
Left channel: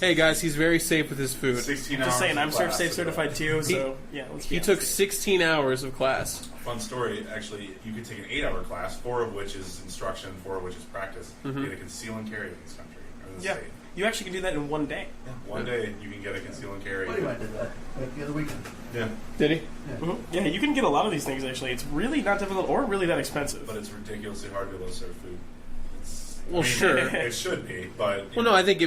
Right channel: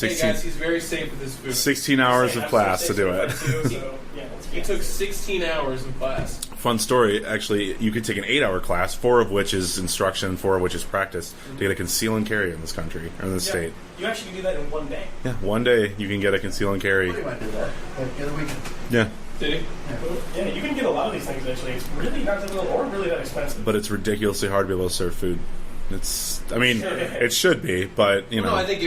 Hey guys, he's very safe with his food. 16 Just hours saying, of class I'm to do it. Too, so, yeah, He took 16 hours of class. Fun story. Actually, you could take an 8-hour class, 4 of which is instruction, 4 of which is practice, to get a conceal and carry in this country or in this state. You actually can do that in one day. Yeah, one day you can get a conceal and carry. Buddy might do that the other weekend. Yeah, Did he? Yeah, you can get a lot of these things actually. It's really not difficult or really that expensive. but it's ridiculously hard to be able to serve food. It's. I Well, mean, sure. it should be, but Well, no, I think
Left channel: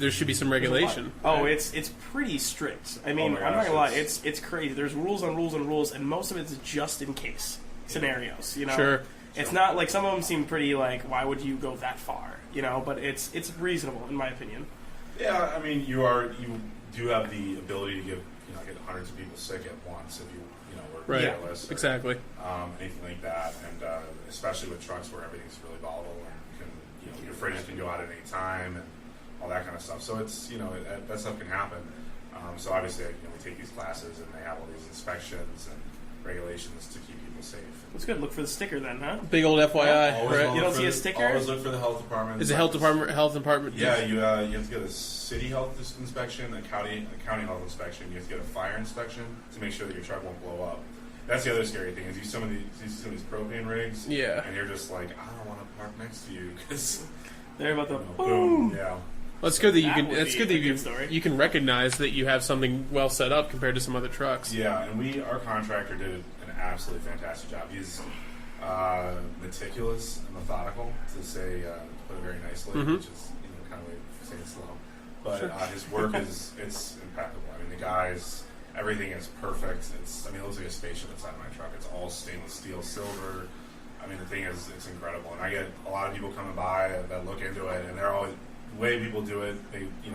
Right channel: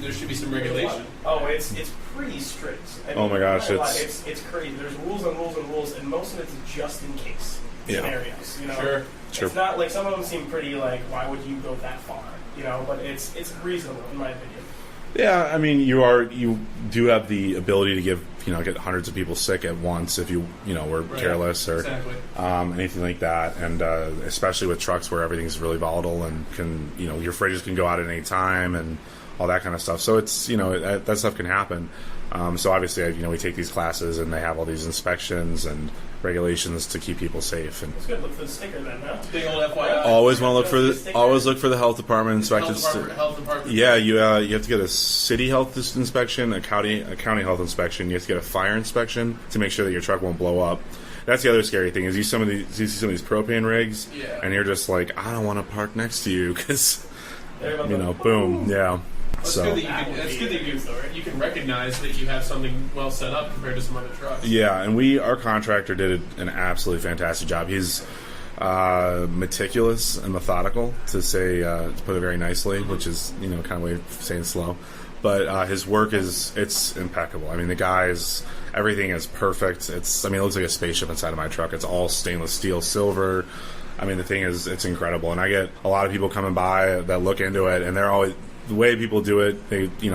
there should be some regulation. Oh, it's pretty strict. I mean, Oh my I'm not gosh, gonna lie, it's crazy. There's rules and rules and rules, and most of it's just in case scenarios. Sure. It's not like some of them seem pretty like, why would you go that far? But it's reasonable in my opinion. Yeah, I mean, you do have the ability to get hundreds of people sick at once if you were careless or exactly. Anything like that, and especially with trucks where everything's really volatile and can your fridges can go out at any time and all that kind of stuff. So it's that stuff can happen. So obviously we take these classes and they have all these inspections and regulations to keep people safe. And It's good. Look for the sticker then, huh? Big old FYI. always right? want to look You don't see a for sticker? always look for the health department Is the inspections. health department? Yeah, you have to get a city health inspection, a county health inspection. You have to get a fire inspection to make sure that your truck won't blow up. That's the other scary thing is you see some of these propane rigs, and you're just like, I don't want to park next to you because They're about to boom, yeah. Well, it's So- good that That would be a good story. you can recognize that you have something well set up compared to some other trucks. Yeah, and our contractor did an absolutely fantastic job. He's meticulous and methodical, to put it very nicely, which is kind of way of saying slow. But his work it's impeccable. I mean, the guy's everything is perfect. It looks like a spaceship inside of my truck. It's all stainless steel, silver. I mean, the thing is, it's incredible. And I get a lot of people coming by that look into it, and they're always. The way people do it,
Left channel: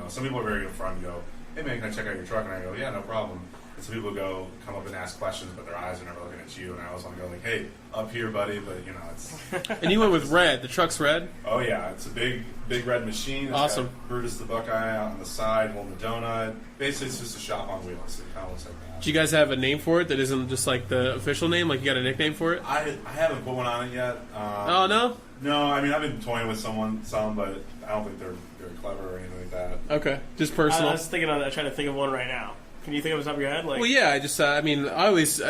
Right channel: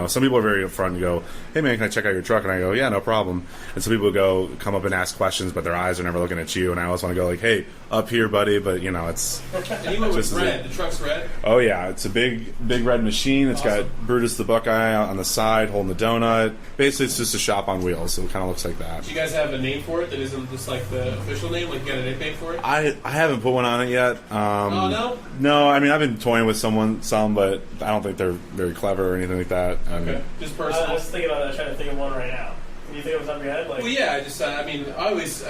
some people are very upfront and go, "Hey man, can I check out your truck?" And I go, "Yeah, no problem." And some people come up and ask questions, but their eyes are never looking at you. And I always want to go like, "Hey, up here, buddy." But it's. And you went with red. The truck's red. Oh yeah, it's a big red machine. It's Awesome. got Brutus the Buckeye out on the side holding the donut. Basically, it's just a shop on wheels, so it kind of looks like that. Do you guys have a name for it that isn't just like the official name? Like you got a nickname for it? I haven't put one on it yet. Oh no. No, I mean I've been toying with some, but I don't think they're very clever or anything like that. Okay, just I personal. was thinking about that. Trying to think of one right now. Can you think of the top of your head? Like, Well, yeah, I always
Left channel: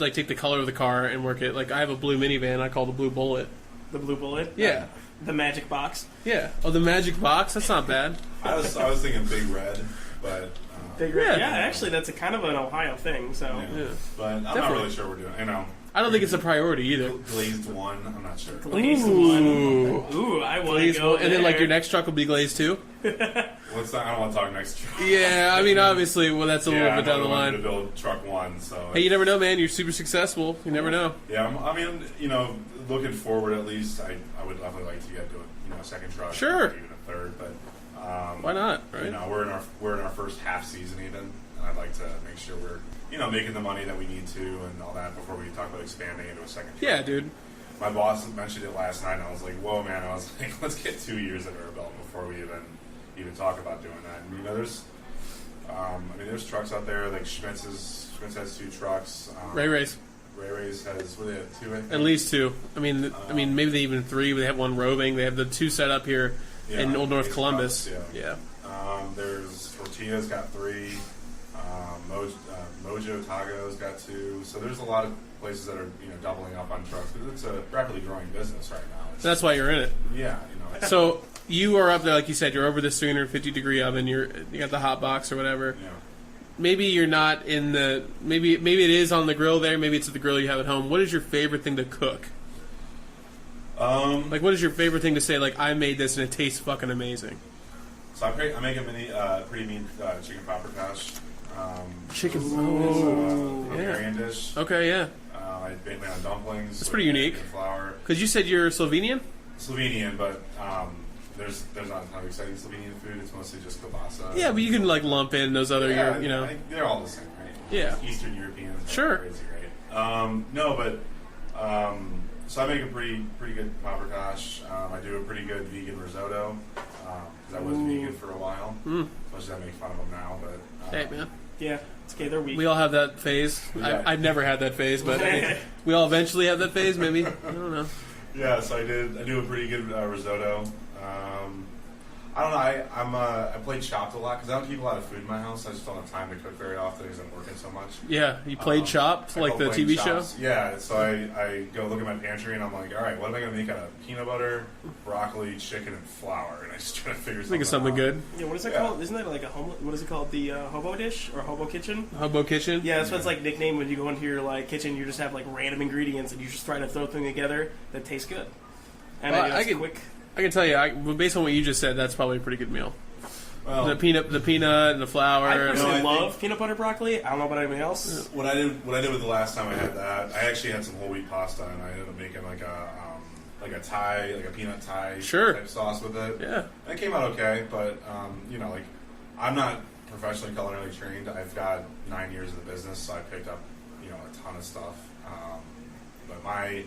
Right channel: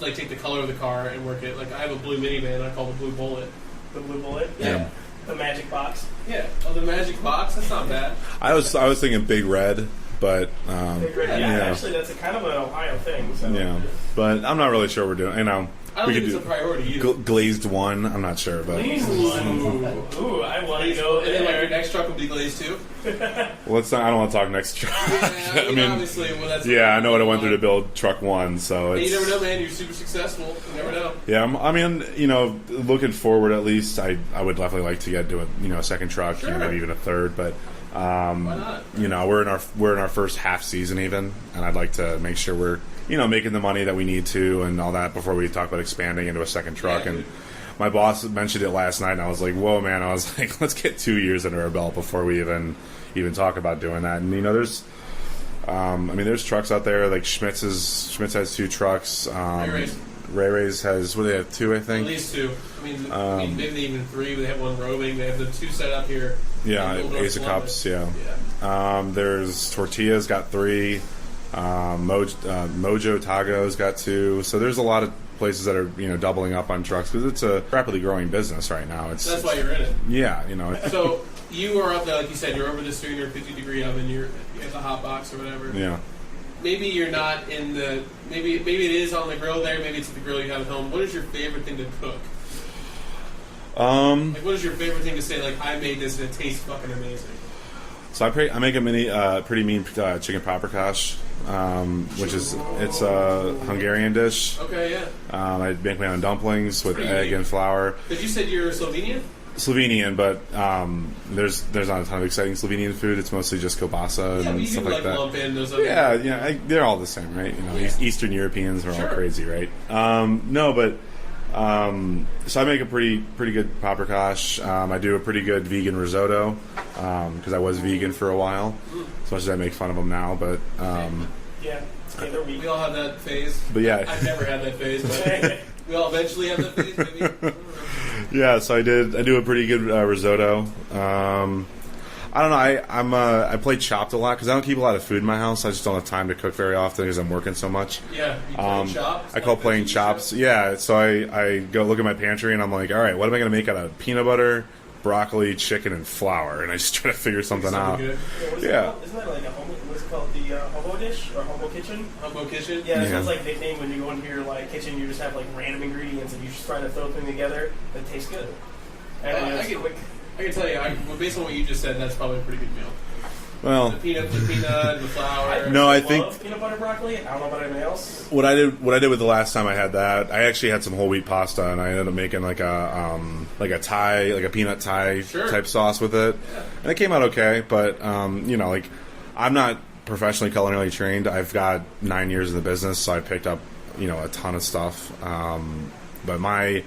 like take the color of the car and work it. Like I have a blue minivan I call the Blue Bullet. the blue bullet. Yeah. The magic box. Yeah. Oh, the Magic Box. That's not bad. I was thinking Big Red, but Yeah, Yeah. actually, that's a kind of an Ohio thing. So yeah. But I'm not really sure we're doing. I don't we think could it's a do priority either. glazed one. I'm not sure, but Glazed Ooh. one. Ooh, I want to Glazed, go and then like there. your next truck will be glazed too. let's not. I don't want to talk next truck. Yeah, I mean obviously, well that's a Yeah, I little know what I bit went down through the to line. build truck one. So Hey, you it's, never know, man. You're super successful. You never know. Yeah, I mean, looking forward at least, I would definitely like to get to a second truck, Sure. maybe even a third. But Why not? Right? we're in our first half season even, and I'd like to make sure we're making the money that we need to and all that before we talk about expanding into a second truck. Yeah, dude. And my boss mentioned it last night, and I was like, "Whoa, man!" I was like, "Let's get 2 years under our belt before we even talk about doing that." And there's trucks out there like Schmitz has 2 trucks. Ray Ray's has they have 2, I think. At least 2. I mean, maybe they even 3. But they have 1 roving. They have the 2 set up here Yeah, in Old North Ace of Columbus. Cups, yeah. There's Tortilla's got 3. Mojo Tago's got 2. So there's a lot of places that are doubling up on trucks because it's a rapidly growing business right now. That's why you're in it. Yeah, So you are up there, like you said. You're over this 350-degree oven. You got the hot box or whatever. yeah. Maybe you're not in the. Maybe it is on the grill there. Maybe it's at the grill you have at home. What is your favorite thing to cook? Like, what is your favorite thing to say? Like, I made this and it tastes fucking amazing. So I make a pretty mean chicken paprikash, which is it's a Hungarian dish. Okay, yeah. I make my own dumplings with pretty egg unique. and flour. Because you said you're Slovenian. Slovenian, but there's not a ton of exciting Slovenian food. It's mostly just kielbasa. Yeah, and but you can stuff like that. lump in those other. Yeah, you know. they're all the same, right? Yeah. Eastern Europeans are Sure. all crazy, right? No, but so I make a pretty good paprikash. I do a pretty good vegan risotto because I was vegan for a while. As much as I make fun of them now, but Yeah, it's either week. We all have that phase. But yeah. I've never had that phase, but we all eventually have that phase. Maybe I don't know. yeah. So I do a pretty good risotto. I don't know. I play Chopped a lot because I don't keep a lot of food in my house. I just don't have time to cook very often because I'm working so much. Yeah, you play Chopped. I like call the playing TV Chops. show? Yeah, so I go look at my pantry and I'm like, all right, what am I going to make out of peanut butter, broccoli, chicken, and flour? And I just try to figure Think something of something out. good. Yeah, what's it Yeah. called? Isn't that like a hobo? What's it called? The hobo dish or hobo kitchen? Hobo Kitchen. Yeah, that's Yeah. what's like a nickname when you go into your like kitchen. You just have like random ingredients and you just try to throw things together that tastes good. And Well, I know I it's could- quick. I can tell you, based on what you just said, that's probably a pretty good meal. Well, The peanut and the flour. No, I love think- peanut butter broccoli. I don't know about anyone else. what I did with the last time I had that, I actually had some whole wheat pasta and I ended up making like a Thai, like a peanut Thai Sure. type sauce with it. Yeah. And it came out okay, but like I'm not professionally culinarily trained. I've got 9 years in the business, so I picked up a ton of stuff. But my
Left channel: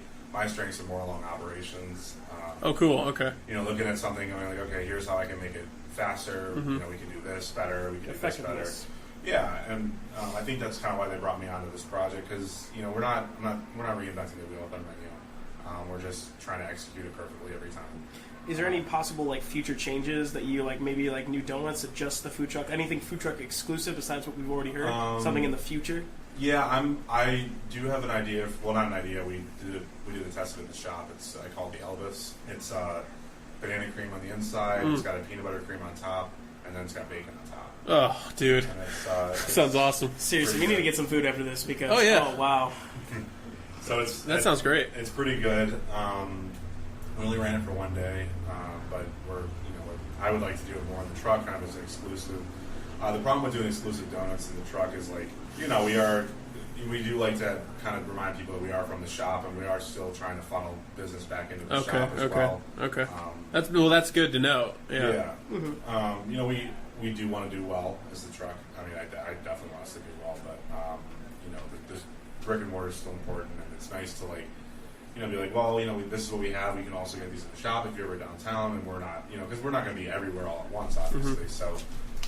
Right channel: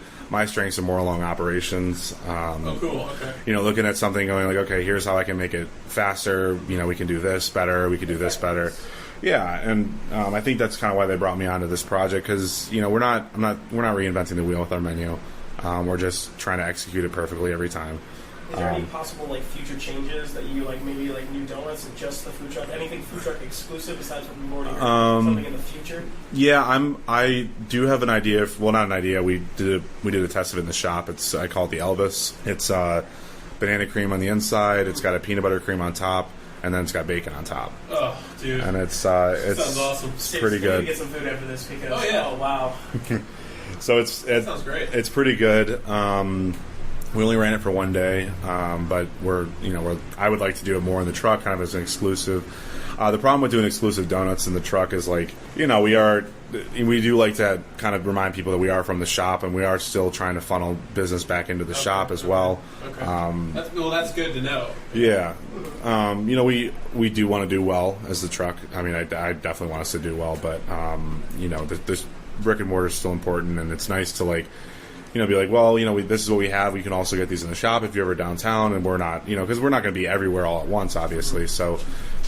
strengths are more along operations. Oh, cool. Okay. Looking at something, going like, okay, here's how I can make it faster. We can do this better. We can do this better. Yeah, and I think that's kind of why they brought me onto this project because we're not reinventing the wheel with our menu. We're just trying to execute it perfectly every time. Is there any possible like future changes that you like? Maybe like new donuts, just the food truck, anything food truck exclusive besides what we've already heard? Something in the future. Yeah, I do have an idea. Well, not an idea. We did a test of it in the shop. I call it the Elvis. It's banana cream on the inside. It's got a peanut butter cream on top, and then it's got bacon on top. Oh, dude. And it's Sounds awesome. Seriously, pretty we need to good. get some food after this because Oh, yeah. oh wow. So That sounds great. It's pretty good. We only ran it for one day, but I would like to do it more in the truck, kind of as an exclusive. The problem with doing exclusive donuts in the truck is like, we do like to kind of remind people that we are from the shop and we are still trying to funnel business back into the shop as well. Okay. That's good to know. Yeah. We do want to do well as the truck. I mean, I definitely want us to do well, but this brick and mortar is still important, and it's nice to like, be like, well, this is what we have. We can also get these in the shop if you're ever downtown, and we're not, because we're not going to be everywhere all at once, obviously. So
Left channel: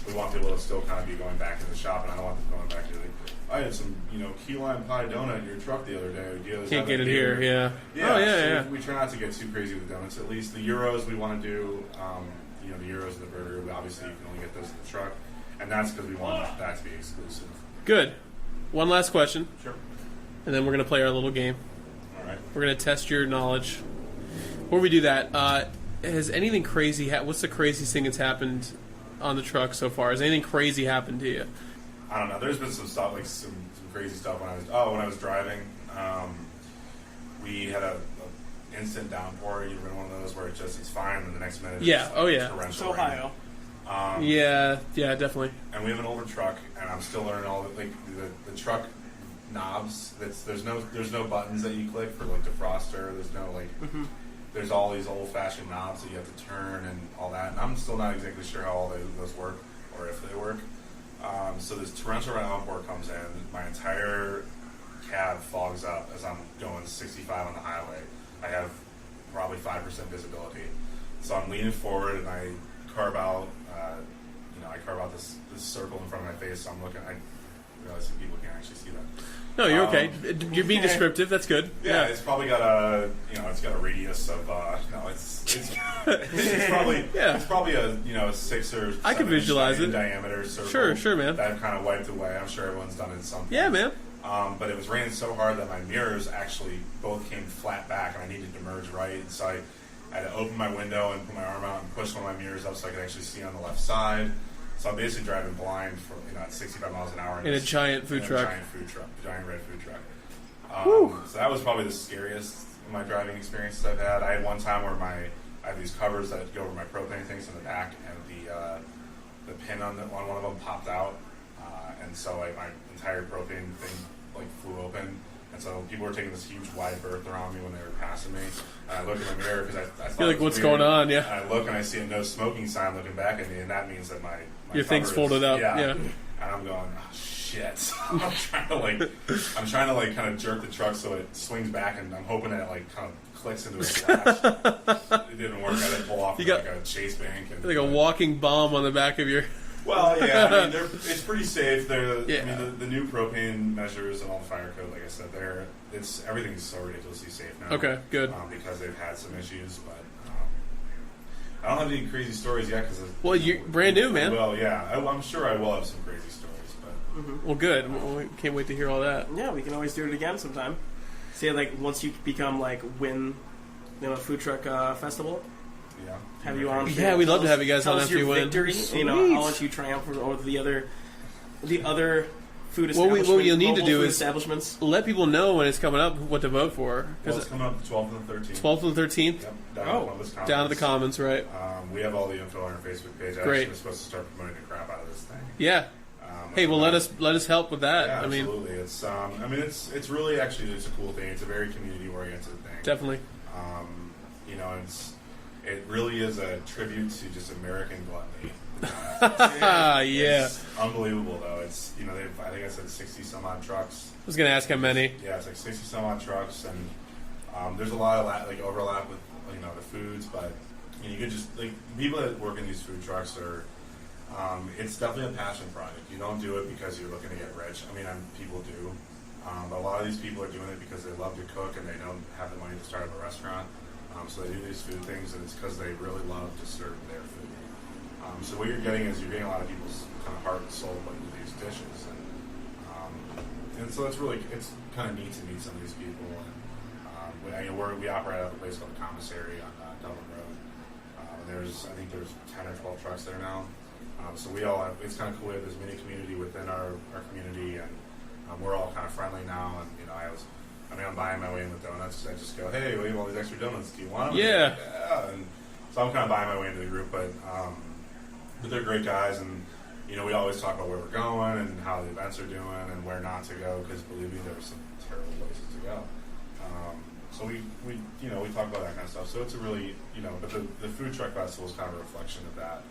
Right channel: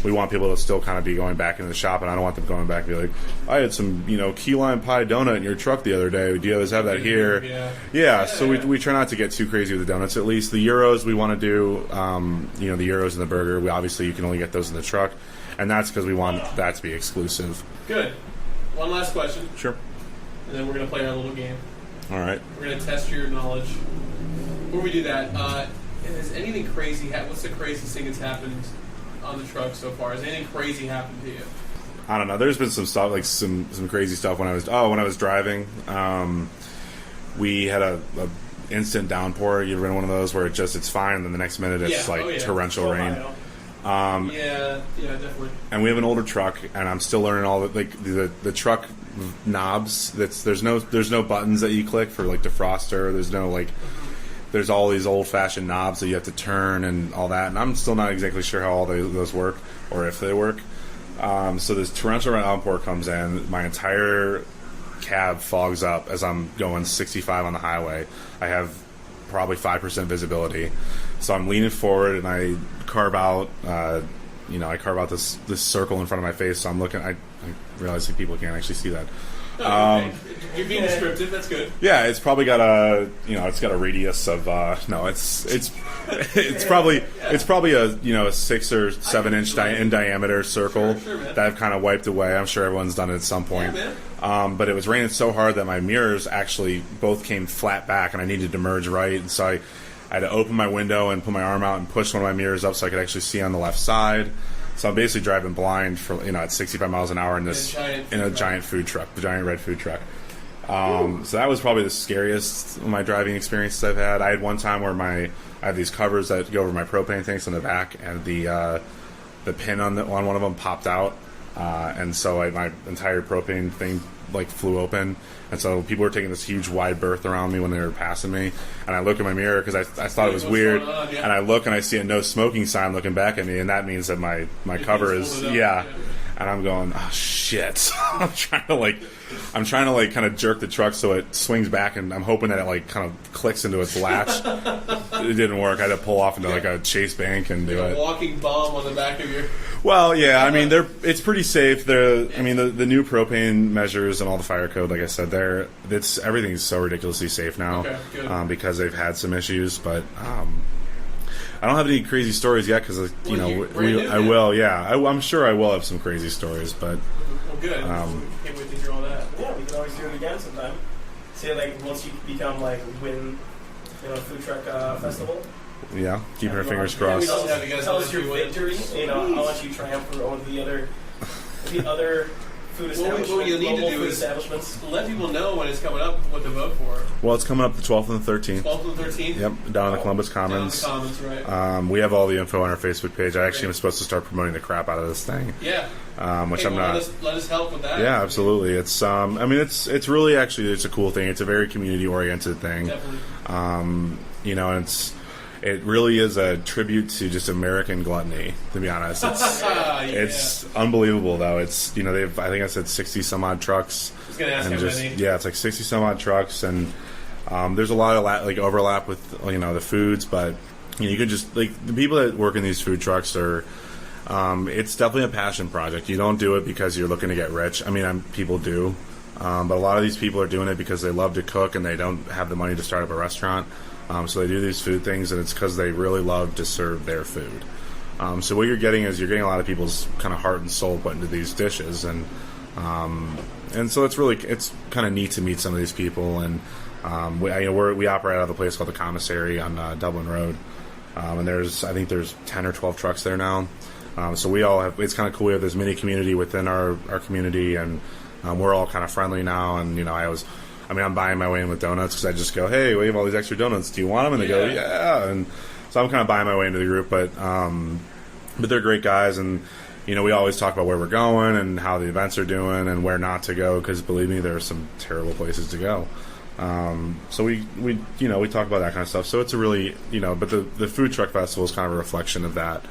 we want people to still kind of be going back into the shop, and I don't want them going back and be like, I had some, key lime pie donut in your truck the other day. Do you always have that here? Yeah. Yeah, Oh, so we try not to get too crazy with the donuts. At least the gyros we want to do, the gyros and the burger. You can only get those in the truck, and that's because we want that to be exclusive. Good. One last question, Sure. and then we're gonna play our little game. All right. We're gonna test your knowledge. Before we do that, has anything crazy? What's the craziest thing that's happened on the truck so far? Has anything crazy happened to you? I don't know. There's been some stuff, like some crazy stuff when I was driving. We had a instant downpour. You ever been one of those where it's fine, and then the next minute it's torrential rain. Yeah, definitely. And we have an older truck, and I'm still learning all the truck knobs. There's no buttons that you click for like defroster. There's no there's all these old fashioned knobs that you have to turn and all that. And I'm still not exactly sure how all those work or if they work. So this torrential downpour comes in. My entire cab fogs up as I'm going 65 on the highway. I have probably 5% visibility. So I'm leaning forward and I carve out this circle in front of my face. So I'm looking. I realize that people can't actually see that. No, you're okay. You're being descriptive. That's good. Yeah, it's probably got a radius of it's probably a 6 or 7 inch in diameter circle Sure, man. that I've kind of wiped away. I'm sure everyone's done it at some point. Yeah, man. But it was raining so hard that my mirrors actually both came flat back, and I needed to merge right. And so I had to open my window and put my arm out and push one of my mirrors up so I could actually see on the left side. So I'm basically driving blind for at 65 miles an hour in a giant food truck, the giant red food truck. So that was probably the scariest of my driving experiences I've had. I had one time where I have these covers that go over my propane tanks on the back, and the pin on one of them popped out, and so my entire propane thing like flew open, and so people were taking this huge wide berth around me when they were passing me. And I look in my mirror because I thought it was what's weird. going on, yeah. And I look and I see a no smoking sign looking back at me, and that means that my Your cover thing's is folded up, yeah. yeah. And I'm going, oh shit! I'm trying to like kind of jerk the truck so it swings back, and I'm hoping that it like kind of clicks into its latch. It didn't work. I had to pull off into like a chase bank and Like a walking bomb on the back of your... Well, yeah, I mean, it's pretty safe. Yeah. I mean, the new propane measures and all the fire code, like I said, everything's so ridiculously safe now. Okay, good. Because they've had some issues, but I don't have any crazy stories yet because you're brand new, I man. will. Yeah, I'm sure I will have some crazy stories, but Well, good. We can't wait to hear all that. Yeah, we can always do it again sometime. See, like once you become like win, a food truck festival. yeah, keep Have our you fingers on? Yeah, crossed. we'd love to have you guys Tell on us if you your win. victory. Sweet. I'll let you triumph over the other food establishments. What you'll need to local do food is establishments. let people know when it's coming up what to vote for. Well, it's coming up the 12th and the 13th. 12th and 13th? Yep, down in the Columbus Commons. Down in the Commons, right. We have all the info on our Facebook page. I Great. actually am supposed to start promoting the crap out of this thing. Yeah. Which Hey, I'm well, not. let us help with that. Yeah, I mean, absolutely. It's it's really actually it's a cool thing. It's a very community oriented thing. definitely. And it really is a tribute to just American gluttony. To be honest, it's Yeah. it's unbelievable though. It's they've I think I said 60 some odd trucks. I was going to ask how And just- many. Yeah, it's like 60 some odd trucks, and there's a lot of like overlap with the foods, but you could just like the people that work in these food trucks are. It's definitely a passion project. You don't do it because you're looking to get rich. I mean, people do, but a lot of these people are doing it because they love to cook and they don't have the money to start up a restaurant. So they do these food things, and it's because they really love to serve their food. So what you're getting is a lot of people's kind of heart and soul put into these dishes, and so it's kind of neat to meet some of these people. And we operate out of a place called the Commissary on Dublin Road, and I think there's 10 or 12 trucks there now. So we all have. It's kind of cool. We have this mini community within our community, and we're all kind of friendly now. And I'm buying my way in with donuts because I just go, hey, we have all these extra donuts. Do you want them? And they go, yeah. And so I'm kind of buying my way into the group, but they're great guys, and we always talk about where we're going and how the events are doing and where not to go because believe me, there are some terrible places to go. So we talk about that kind of stuff. So it's a really but the food truck festival is kind of a reflection of that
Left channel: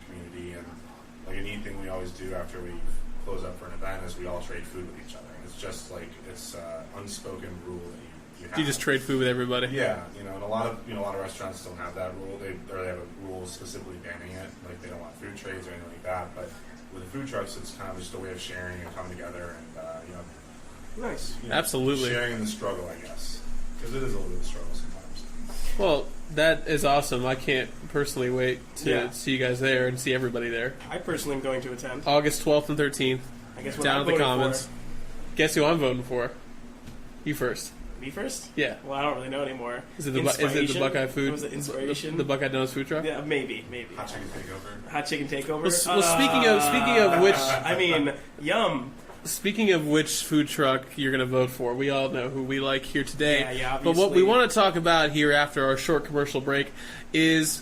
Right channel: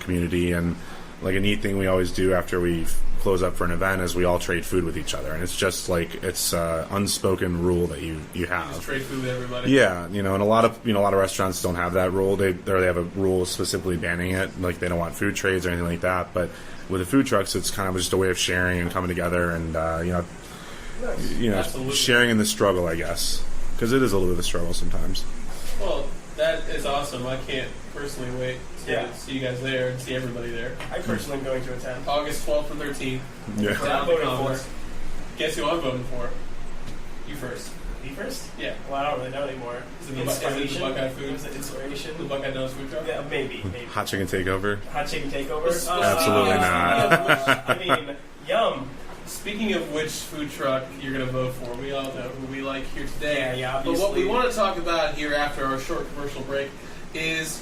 community, and like a neat thing we always do after we close up for an event is we all trade food with each other, and it's just like it's unspoken rule that you have. You just trade food with everybody. Yeah, and a lot of restaurants don't have that rule. They have a rule specifically banning it, like they don't want food trades or anything like that. But with the food trucks, it's kind of just a way of sharing and coming together, and Nice. Absolutely. sharing in the struggle, I guess, because it is a little bit of a struggle sometimes. Well, that is awesome. I can't personally wait to see you guys there and see everybody there. I personally am going to attend. August 12th and 13th, Yeah. What down I'm at the voting Commons. for. Guess who I'm voting for? You first. Me first? Yeah. Well, I don't really know anymore. Is it the Inspiration? Buckeye food? Was it inspiration? The Buckeye Donuts food truck? Yeah, maybe. Hot chicken takeover. Hot chicken takeover. Well, Absolutely speaking of which, I mean, yum. speaking of which food truck you're going to vote for, we all know who we like here today. Yeah, But what we obviously. want to talk about here after our short commercial break is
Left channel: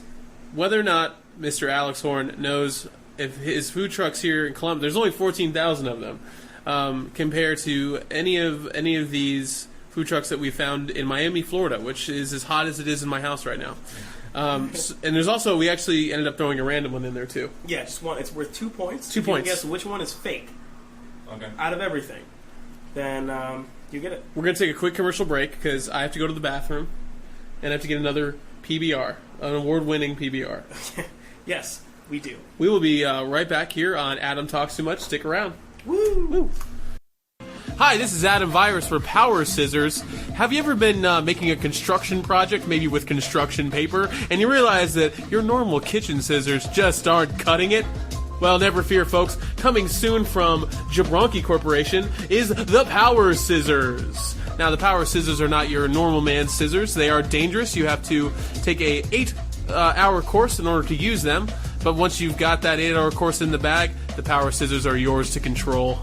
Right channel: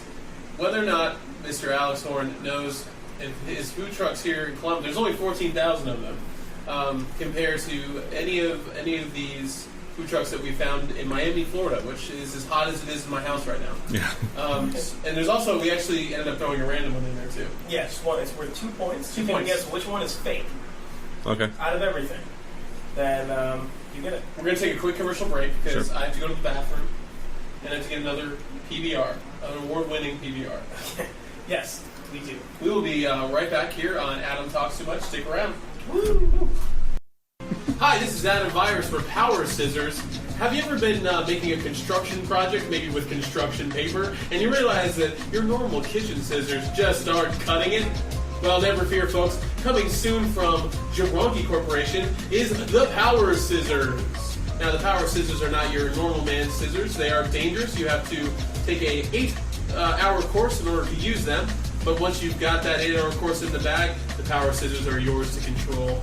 whether or not Mr. Alex Horn knows if his food trucks here in Columbus, there's only 14,000 of them, compared to any of these food trucks that we found in Miami, Florida, which is as hot as it is in my house right now. Yeah. And there's also, we actually ended up throwing a random one in there too. Yes, well, it's worth 2 points. 2 If you can points. guess which one is fake Okay. out of everything, then you get it. We're going to take a quick commercial break because Sure. I have to go to the bathroom and I have to get another PBR, an award-winning PBR. Yes, we do. We will be right back here on Adam Talks Too Much. Stick around. Woo! Hi, this is Adam Virus for Power Scissors. Have you ever been making a construction project, maybe with construction paper, and you realize that your normal kitchen scissors just aren't cutting it? Well, never fear, folks. Coming soon from Jabronki Corporation is the Power Scissors. Now, the Power Scissors are not your normal man's scissors. They are dangerous. You have to take a 8-hour course in order to use them. But once you've got that 8-hour course in the bag, the Power Scissors are yours to control.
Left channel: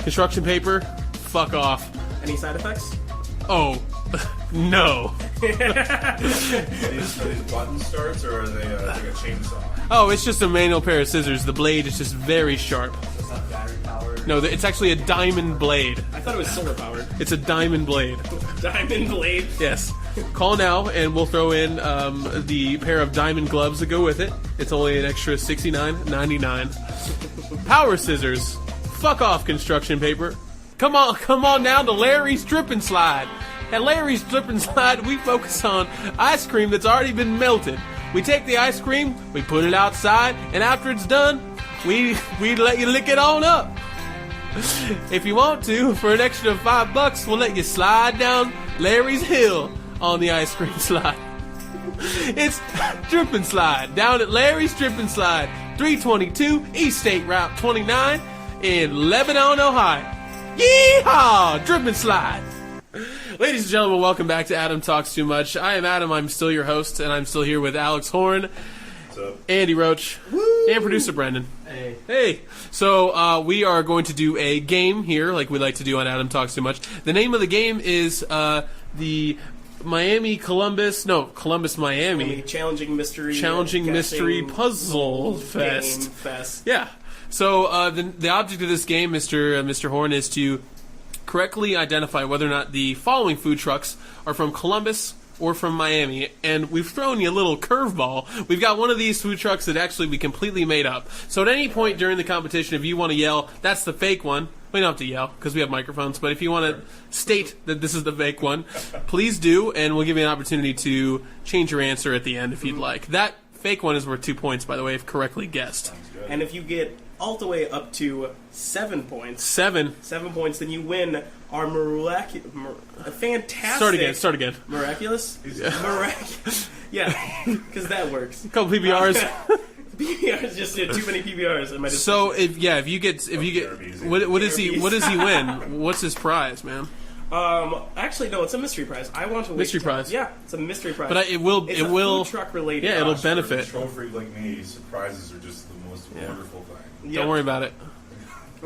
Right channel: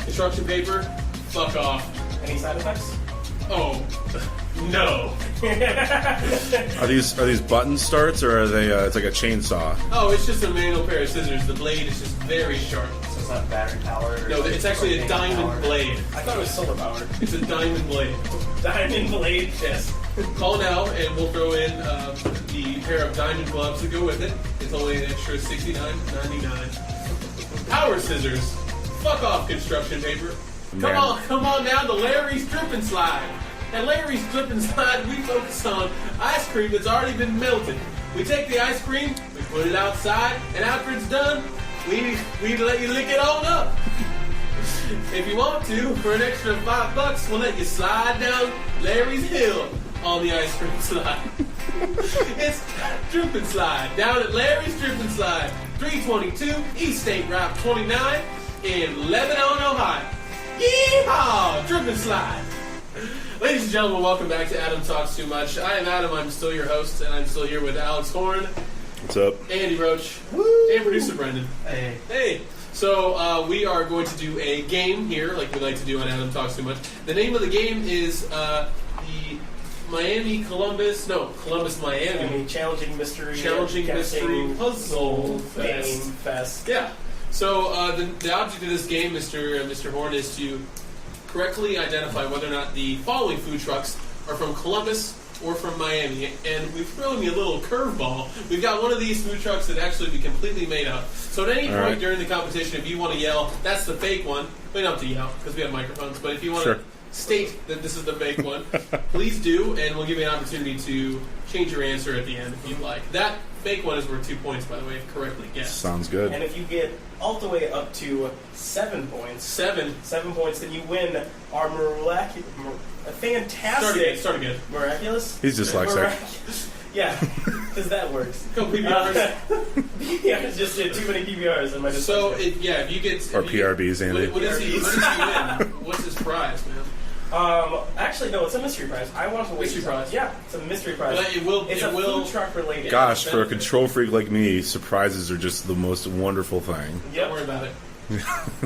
Construction paper, fuck off. Any side effects? Oh, no. Are these button starts or are they? It's like a chainsaw. Oh, it's just a manual pair of scissors. The blade is just very sharp. It's not battery powered. No, it's actually a diamond blade. I thought it was solar powered. It's a diamond blade. Diamond blade. Yes. Call now, and we'll throw in the pair of diamond gloves that go with it. It's only an extra $69.99. Power scissors. Fuck off, construction paper. Come on down to Larry's Drip and Slide. At Larry's Drip and Slide, we focus on ice cream that's already been melted. We take the ice cream, we put it outside, and after it's done, we let you lick it on up. If you want to, for an extra $5, we'll let you slide down Larry's Hill on the ice cream slide. It's Drip and Slide down at Larry's Drip and Slide, 322 East State Route 29 in Lebanon, Ohio. Yeehaw! Drip and Slide. Ladies and gentlemen, welcome back to Adam Talks Too Much. I am Adam, I'm still your host, and I'm still here with Alex Horn. What's up? Andy Roach. Woo! And producer Brendan. Hey. Hey. So we are going to do a game here, like we like to do on Adam Talks Too Much. The name of the game is the Columbus Miami Challenging mystery puzzle fest. Game fest. Yeah. So the object of this game, Mr. Horn, is to correctly identify whether or not the following food trucks are from Columbus or from Miami. And we've thrown you a little curveball. We've got one of these food trucks that actually we completely made up. So at any point during the competition, if you want to yell, that's the fake one, we don't have to yell because we have microphones. But if you want to state that this is the fake one, please do, and we'll give you an opportunity to change your answer at the end if you'd like. That fake one is worth 2 points, by the way, if correctly guessed. Sounds good. And if you get all the way up to 7 points. 7 points, then you win our fantastic. Start again. Miraculous? He's dyslexic. Yeah, because that works. A couple PBRs. PBRs, just too many PBRs. So if you get PRBs, Andy. what does he win? What's his prize, man? Actually, no, it's a mystery prize. I want to mystery prize. Yeah, it's a mystery prize. But It's it a will food truck related. Yeah. Gosh, for a benefit. control freak like me, surprises are just the most wonderful thing. Yep. Don't worry about it. I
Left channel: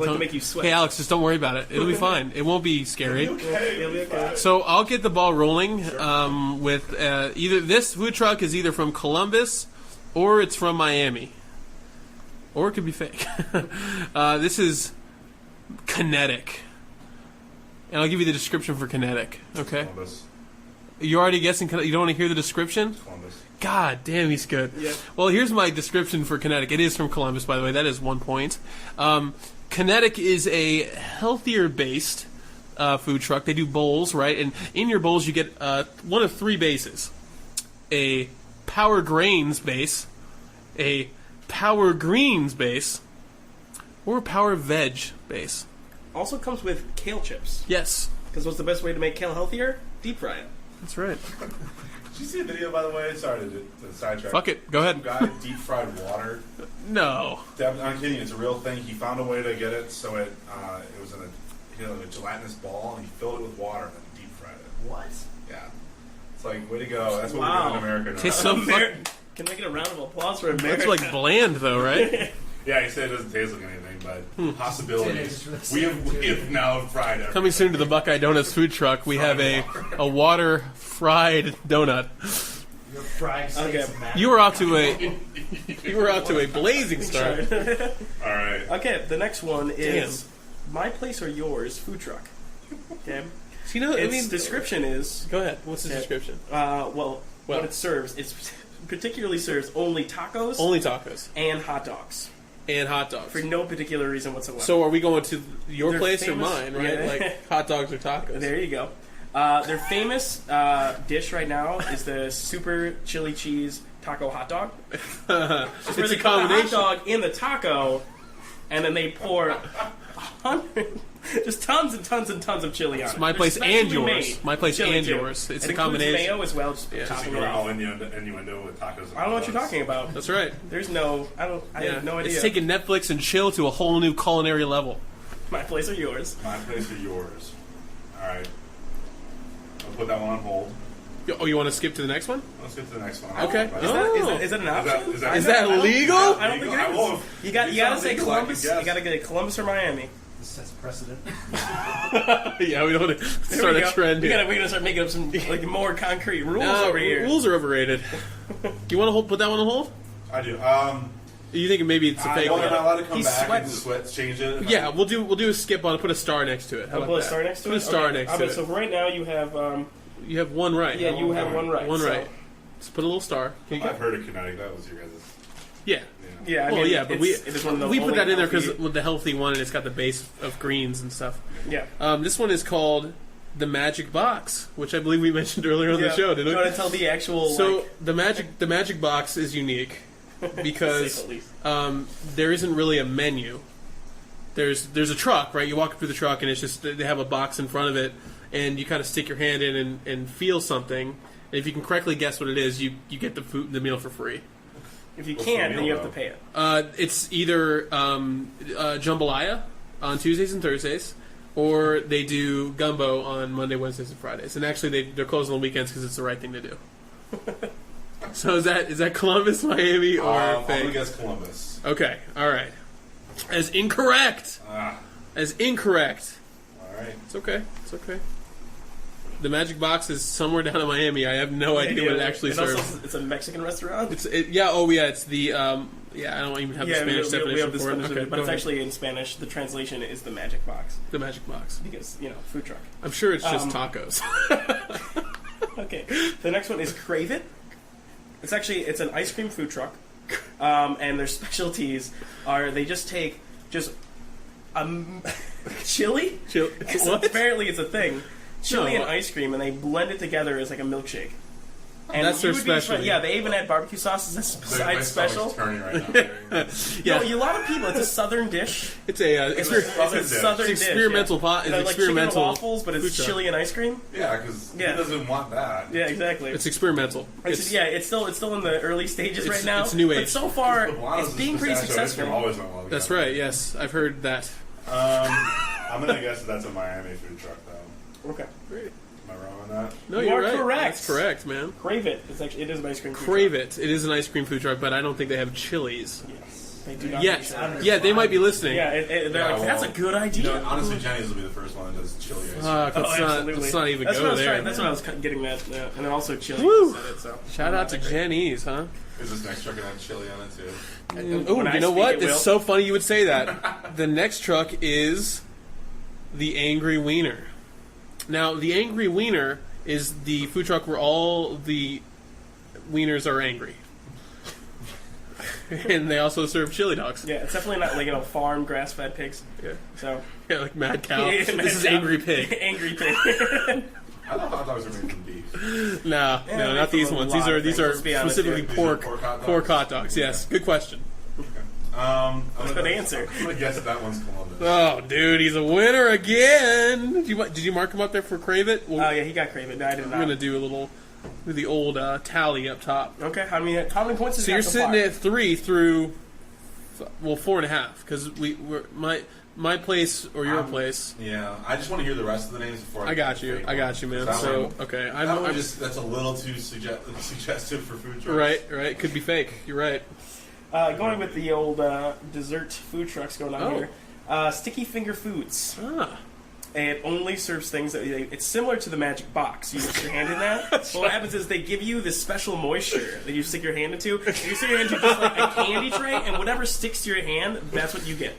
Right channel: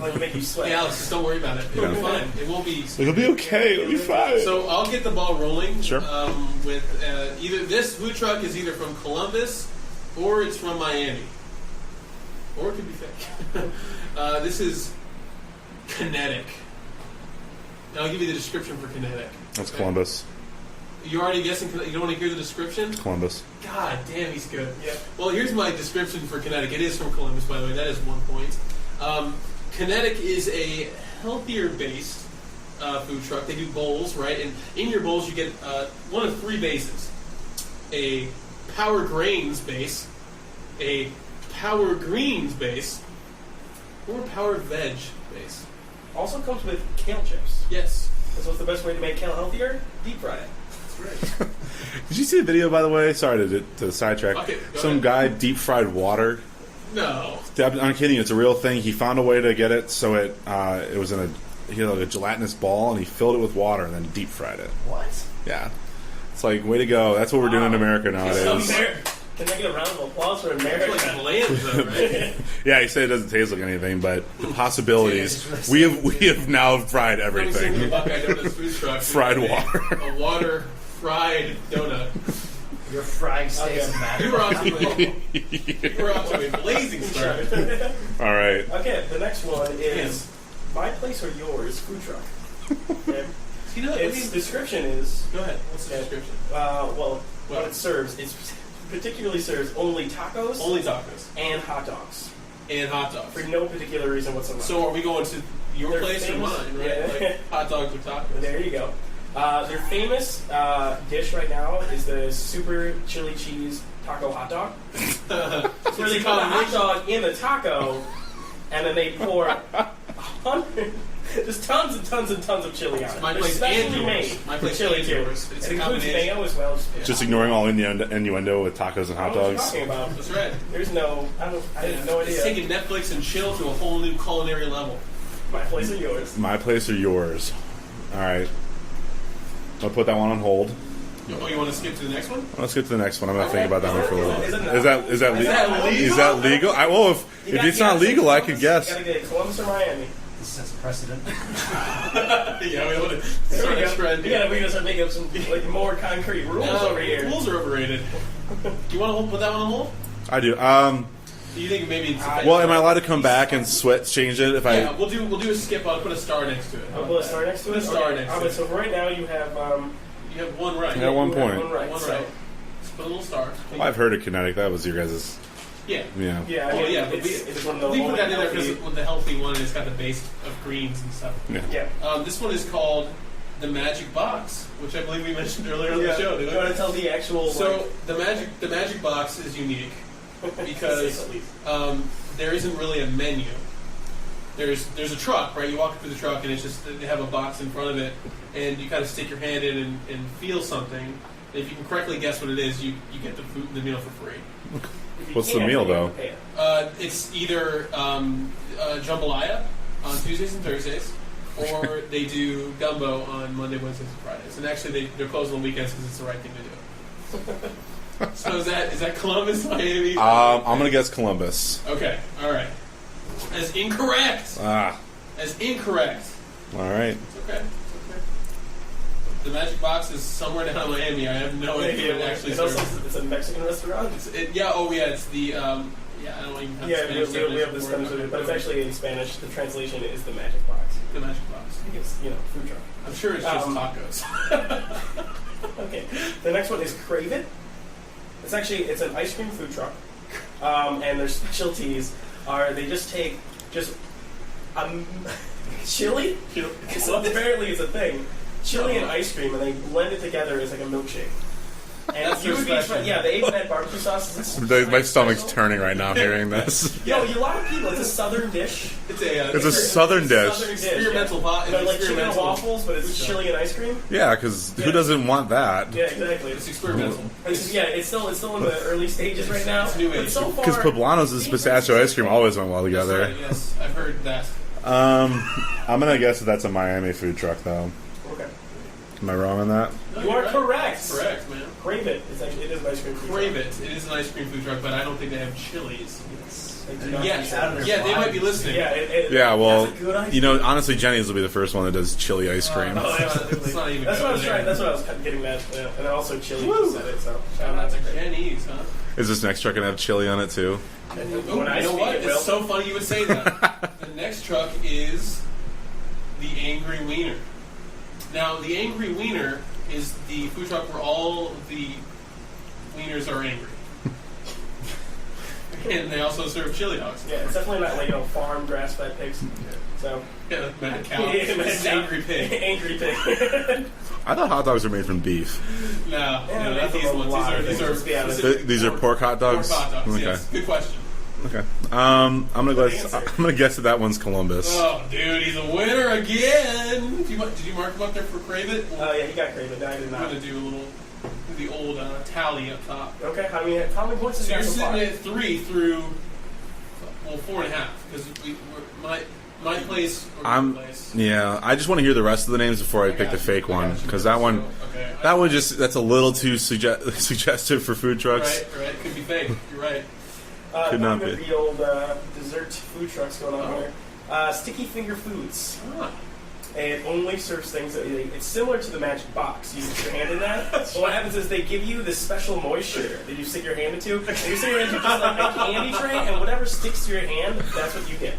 like to make you sweat. Hey, Alex, just don't worry about it. It'll be fine. It won't be scary. It'll be okay. It'll be fine. So I'll get the ball rolling. Sure. With either this food truck is either from Columbus or it's from Miami, or it could be fake. This is Kinetic, and I'll give you the description for Kinetic. That's Okay. Columbus. You're already guessing. You don't want to hear the description? Columbus. God damn, he's good. Yeah. Well, here's my description for Kinetic. It is from Columbus, by the way. That is 1 point. Kinetic is a healthier-based food truck. They do bowls, right? And in your bowls, you get one of 3 bases. A Power Grains base, a Power Greens base, or a Power Veg base. Also comes with kale chips. Yes. Because what's the best way to make kale healthier? Deep fry it. That's right. Did you see the video, by the way? Sorry to sidetrack. Fuck it. Go Some ahead. guy deep fried water. No. I'm kidding you. It's a real thing. He found a way to get it so it was in like a gelatinous ball, and he filled it with water and then deep fried it. What? Yeah. It's like, way to go. That's what we're doing in America now. Okay, so Can I get a round of applause for It's America? like bland, though, right? Yeah, he said it doesn't taste like anything, but the possibilities. We have now fried everything. Coming soon to the Buckeye Donuts food truck, we Fried have a water fried donut. You're frying steaks Okay. and matter. You were off to a blazing start. All right. Okay, the next one is My Place or Yours food truck. Okay. You know, Its description is go ahead. What's the Okay. description? What it serves. It particularly serves only tacos Only tacos and hot dogs and hot dogs. for no particular reason whatsoever. So are we going to your They're place famous- or mine? Right? yeah. Like hot dogs or tacos. There you go. Their famous dish right now is the super chili cheese taco hot dog. It's Where a they put the hot combination. dog in the taco, and then they pour just tons and tons and tons of chili on it. My They're place specially and yours. made My place with chili and too. yours. It's It a includes combination. mayo as well. Yeah. Just ignoring all innuendo with tacos and I hot don't know what you're dogs. talking about. That's right. There's no, I have no idea. It's taking Netflix and chill to a whole new culinary level. My place or yours. My place or yours? All right. I'll put that one on hold. Oh, you want to skip to the next one? Let's get to the next one. I'm gonna Okay. think about that one for a little. Is it not? Is that Is that legal? Is that legal? Well, if You it's gotta not say legal, I Columbus, could guess. You gotta get Columbus or Miami. This sets precedent. Yeah, we want to There start we a go. trend We here. gotta start making up some more concrete rules over here. Rules are overrated. Do you want to put that one on hold? I do. You think maybe it's a fake? Well, am I allowed to come He's back and sweating. change it? If Yeah, we'll do a skip on it. Put a star next to it. How I'll about put a that? star next to it. Put a star Okay. next to it. So right now you have You have one right. Yeah, one you have point. one right. One so- right. Just put a little star. I've heard of kinetic. That was your guys'. Yeah. Yeah. Yeah, I Well, mean, yeah, but it's one of the we put only that in there because healthy- with the healthy one, and it's got the base of greens and stuff. Yeah. This one is called the Magic Box, which I believe we mentioned earlier on Yeah. the show. Didn't You we? want to tell the actual? So the Magic Box is unique because there isn't really a menu. There's a truck, right? You walk through the truck, and it's just they have a box in front of it, and you kind of stick your hand in and feel something. And if you can correctly guess what it is, you get the meal for free. If you What's can't, the meal, then you have though? to pay it. It's either jambalaya on Tuesdays and Thursdays, or they do gumbo on Monday, Wednesdays, and Fridays. And actually, they're closed on weekends because it's the right thing to do. So is that Columbus, Miami? Or I'm gonna guess Columbus. Okay, all right. As incorrect. As incorrect. All right. It's okay. It's okay. The Magic Box is somewhere down in Miami. I have no idea what it actually serves. Also, it's a Mexican restaurant. It's the I don't even have the Spanish we have definition the for Spanish, it. Okay, but it's actually in Spanish. The translation is the Magic Box. the Magic Box. I think it's food truck. I'm sure it's just tacos. Okay. The next one is Crave It. It's an ice cream food truck, and their specialties are they just take chili. What? Apparently, it's a thing. Chili No. and ice cream, and they blend it together as like a milkshake. And That's their you would be special. Yeah, they even add barbecue sauces. My stomach's turning right now hearing this. Yeah. No, a lot of people. It's a southern dish. It's a It's a southern dish. Southern It's experimental pot. It's like chicken and experimental. waffles, but it's food truck. chili and ice cream. Yeah, because Yeah. who doesn't want that? Yeah, exactly. It's experimental. It's still in the early stages It's- right now. it's new but age. so far, Because Poblano's it's and being pretty pistachio ice cream successful. always went well That's together. right. Yes, I've heard that. I'm gonna guess that's a Miami food truck, though. Okay. Am I wrong on that? No, You you're are right. correct. That's correct, man. Crave It. It is an ice cream. food Crave truck. it. It is an ice cream food truck, but I don't think they have chilies. Yes. Yeah, they might be listening. Yeah, Yeah, well, that's a good idea. you know, honestly, Jenny's will be the first one that does chili ice cream. Let's not even That's go what I was there. trying. That's what I was getting at. And then also chili. Woo! Said it, so. Shout out to Jenny's, huh? Is this next truck gonna have chili on it too? Ooh, When I you know speak, what? it will. It's so funny you would say that. The next truck is the Angry Wiener. Now, the Angry Wiener is the food truck where all the wieners are angry. And they also serve chili dogs. Yeah, it's definitely not like farm grass-fed pigs. So Yeah, like Mad Cow. Yeah, This Mad is Cow. Angry Pig. Angry Pig. I thought hot dogs were made from beef. No, Yeah, no, not there's these a ones. lot These are of things, let's be honest. specifically These are pork hot dogs. Pork hot dogs. Okay. Yes, good question. Okay. I'm gonna Good guess. answer. I'm gonna guess that that one's Columbus. Oh, dude, he's a winner again. Did you mark him up there for Crave It? Well, Oh yeah, he got Crave It. No, I did I'm not. gonna do a little, the old tally up top. Okay, how many points? So has you're he got sitting so at 3 through, 4.5, because my place or your place. Yeah, I just want to hear the rest of the names before I, pick got the you. fake I one got you, because man. that one, So, okay, that one that's a little too suggestive for food trucks. Right. Could be fake. You're right. Could Going not with be. the old dessert food trucks going on Oh. here. Sticky Finger Foods. Ah. It only serves things that it's similar to the Magic Box. You stick your hand in that. But what happens is they give you this special moisture that you stick your hand into. And you stick your hand into just like a candy tray, and whatever sticks to your hand, that's what you get.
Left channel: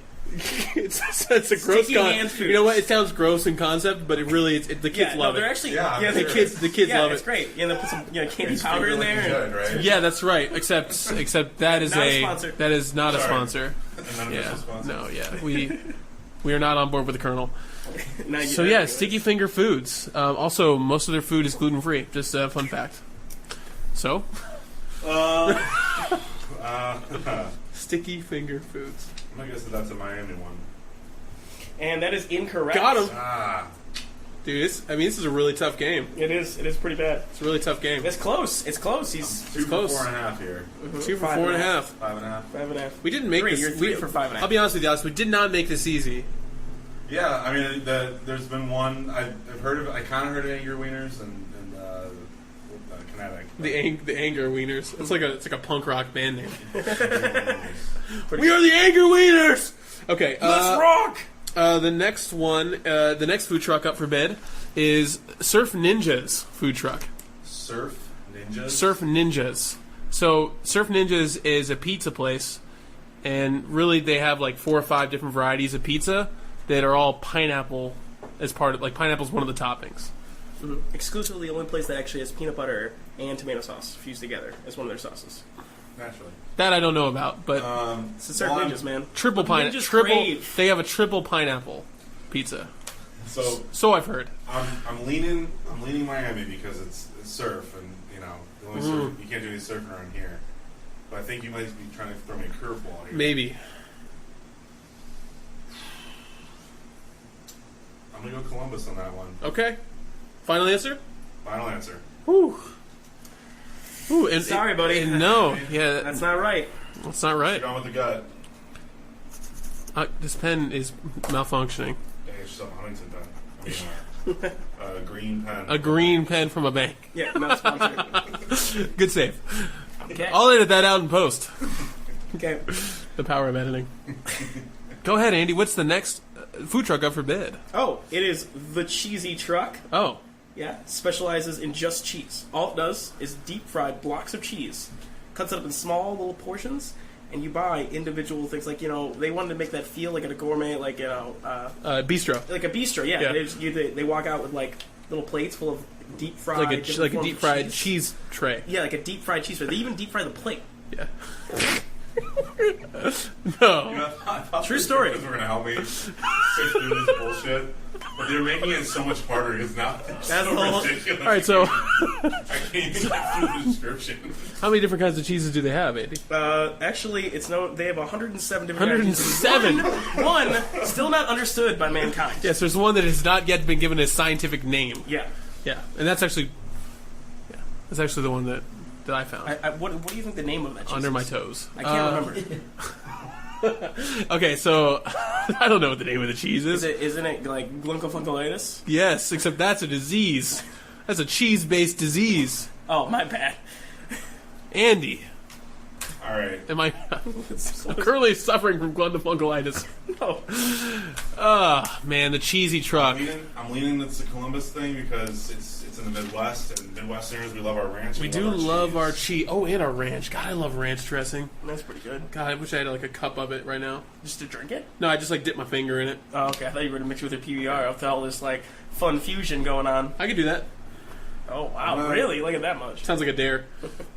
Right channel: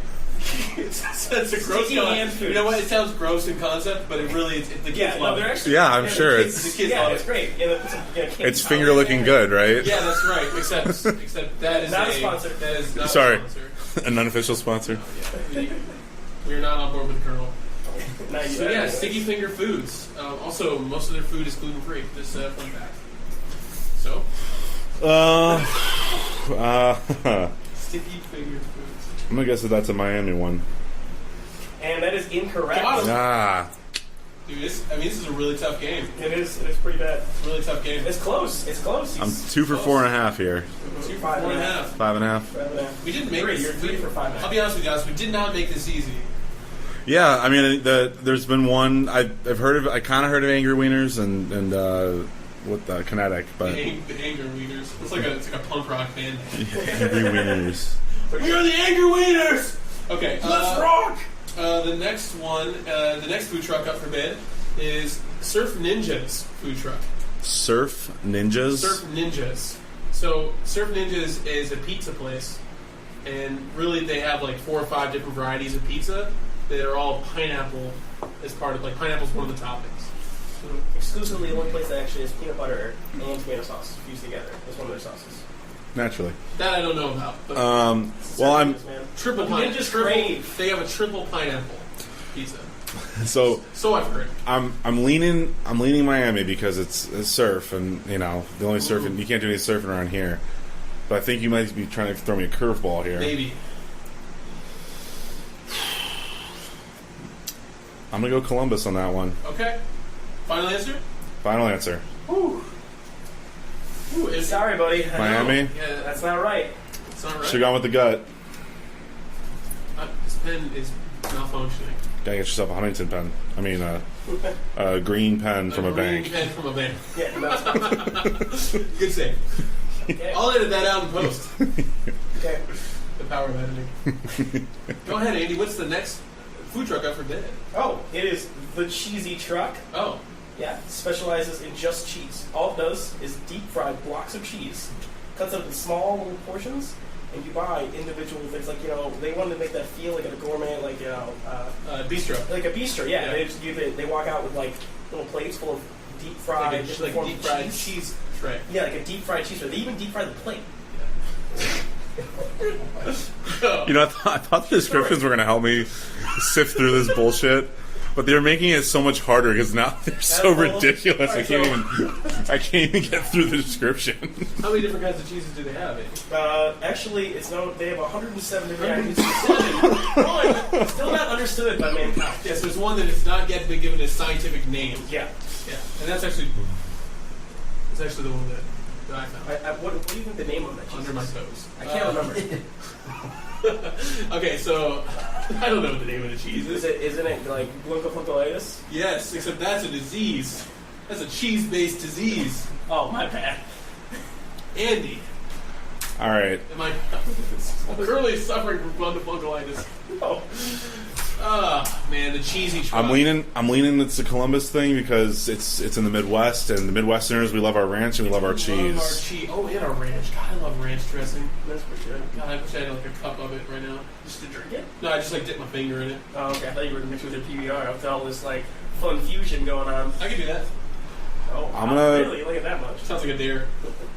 It's a gross Sticky hand concept. food. You know what? It sounds gross in concept, but it really the kids love they're it. actually Yeah, I'm sure The kids, it's- love it's great. Yeah, they put some candy It's powder finger in looking there. good, right? Yeah, that's right. Except that is Not a sponsor. that is not Sorry. a sponsor. An unofficial Yeah. sponsor. No, yeah, we are not on board with the Colonel. Now So yeah, Sticky Finger Foods. Also, most of their food is gluten free. Just a fun fact. So, I'm Sticky Finger Foods. gonna guess that that's a Miami one. And that is incorrect. Got him. Ah, Dude, this is a really tough game. It is pretty bad. It's a really tough game. It's close. It's close. I'm He's 2 for close. 4.5 here. 2 for 4.5. 5.5. 5.5. We didn't make Three, this. you're 3 for 5.5. I'll be honest with you, guys. We did not make this easy. Yeah, I mean, there's been one I've heard of. I kind of heard of Angry Wieners and what the Kinetic, but The Anger Wieners. It's like a punk rock band name. Angry Wieners. We are the Anger Wieners. Okay, Let's rock. The next one, the next food truck up for bid is Surf Ninjas food truck. Surf Ninjas. Surf Ninjas. So Surf Ninjas is a pizza place and really they have like 4 or 5 different varieties of pizza that are all pineapple as part of, like, pineapple's one of the toppings. Exclusively the only place that actually has peanut butter and tomato sauce fused together is one of their sauces. Naturally. That I don't know about, but It's outrageous, man. triple pineapple. They have a triple pineapple pizza. So I've heard. I'm leaning Miami because it's surf, and you know the only surfing you can't do any surfing around here. But I think you might be trying to throw me a curveball here. Maybe. I'm gonna go Columbus on that one. Okay. Final answer? Final answer. Whew. Ooh, Sorry, buddy. No. Miami? Yeah, That's not right. that's not right. Should have gone with the gut. This pen is malfunctioning. Gotta get yourself a Huntington pen. I mean, a green pen. A from green a bank. pen from a bank. Yeah, no, it's not. Good save. Okay. I'll edit that out in post. Okay. The power of editing. Go ahead, Andy. What's the next food truck up for bid? Oh, it is the Cheesy Truck. Oh, Yeah, specializes in just cheese. All it does is deep fried blocks of cheese, cuts it up in small little portions, and you buy individual things. Like, you know, they wanted to make that feel like a gourmet, like, you know, bistro. like a bistro. Yeah, Yeah. they walk out with like little plates full of deep fried, Like a different forms deep of fried cheese tray. Yeah, like a deep fried cheese. They even deep fry the plate. Yeah. No. You know, I thought True story. descriptions were gonna help me sift through this bullshit. But they're making it so much harder because now they're so all. ridiculous. All right, I can't even get through the description. How many different kinds of cheeses do they have, Andy? Actually, it's known they have 107 different 107. One still not understood by mankind. Yes, there's one that has not yet been given a scientific name. Yeah. Yeah, and that's actually the one that I found. What do you think the name of that cheese Under my is? toes. I can't remember. Okay, so I don't know what the name of the cheese is. Isn't it like glucophonculitis? Yes, except that's a disease. That's a cheese-based disease. Oh, my bad. Andy, All right. am I? I'm currently suffering from glucophonculitis. No. Man, the cheesy truck. I'm leaning it's the Columbus thing because it's in the Midwest, and the Midwesterners, we love our ranch and we love our cheese. love our cheese. Oh, and our ranch. God, I love ranch dressing. That's pretty good. God, I wish I had like a cup of it right now. Just to drink it? No, I just like dip my finger in it. Oh, okay. I thought you were going to mix with your PBR with all this, like, fun fusion going on. I could do that. Oh, wow. I'm gonna- Really? Look at that much. Sounds like a dare.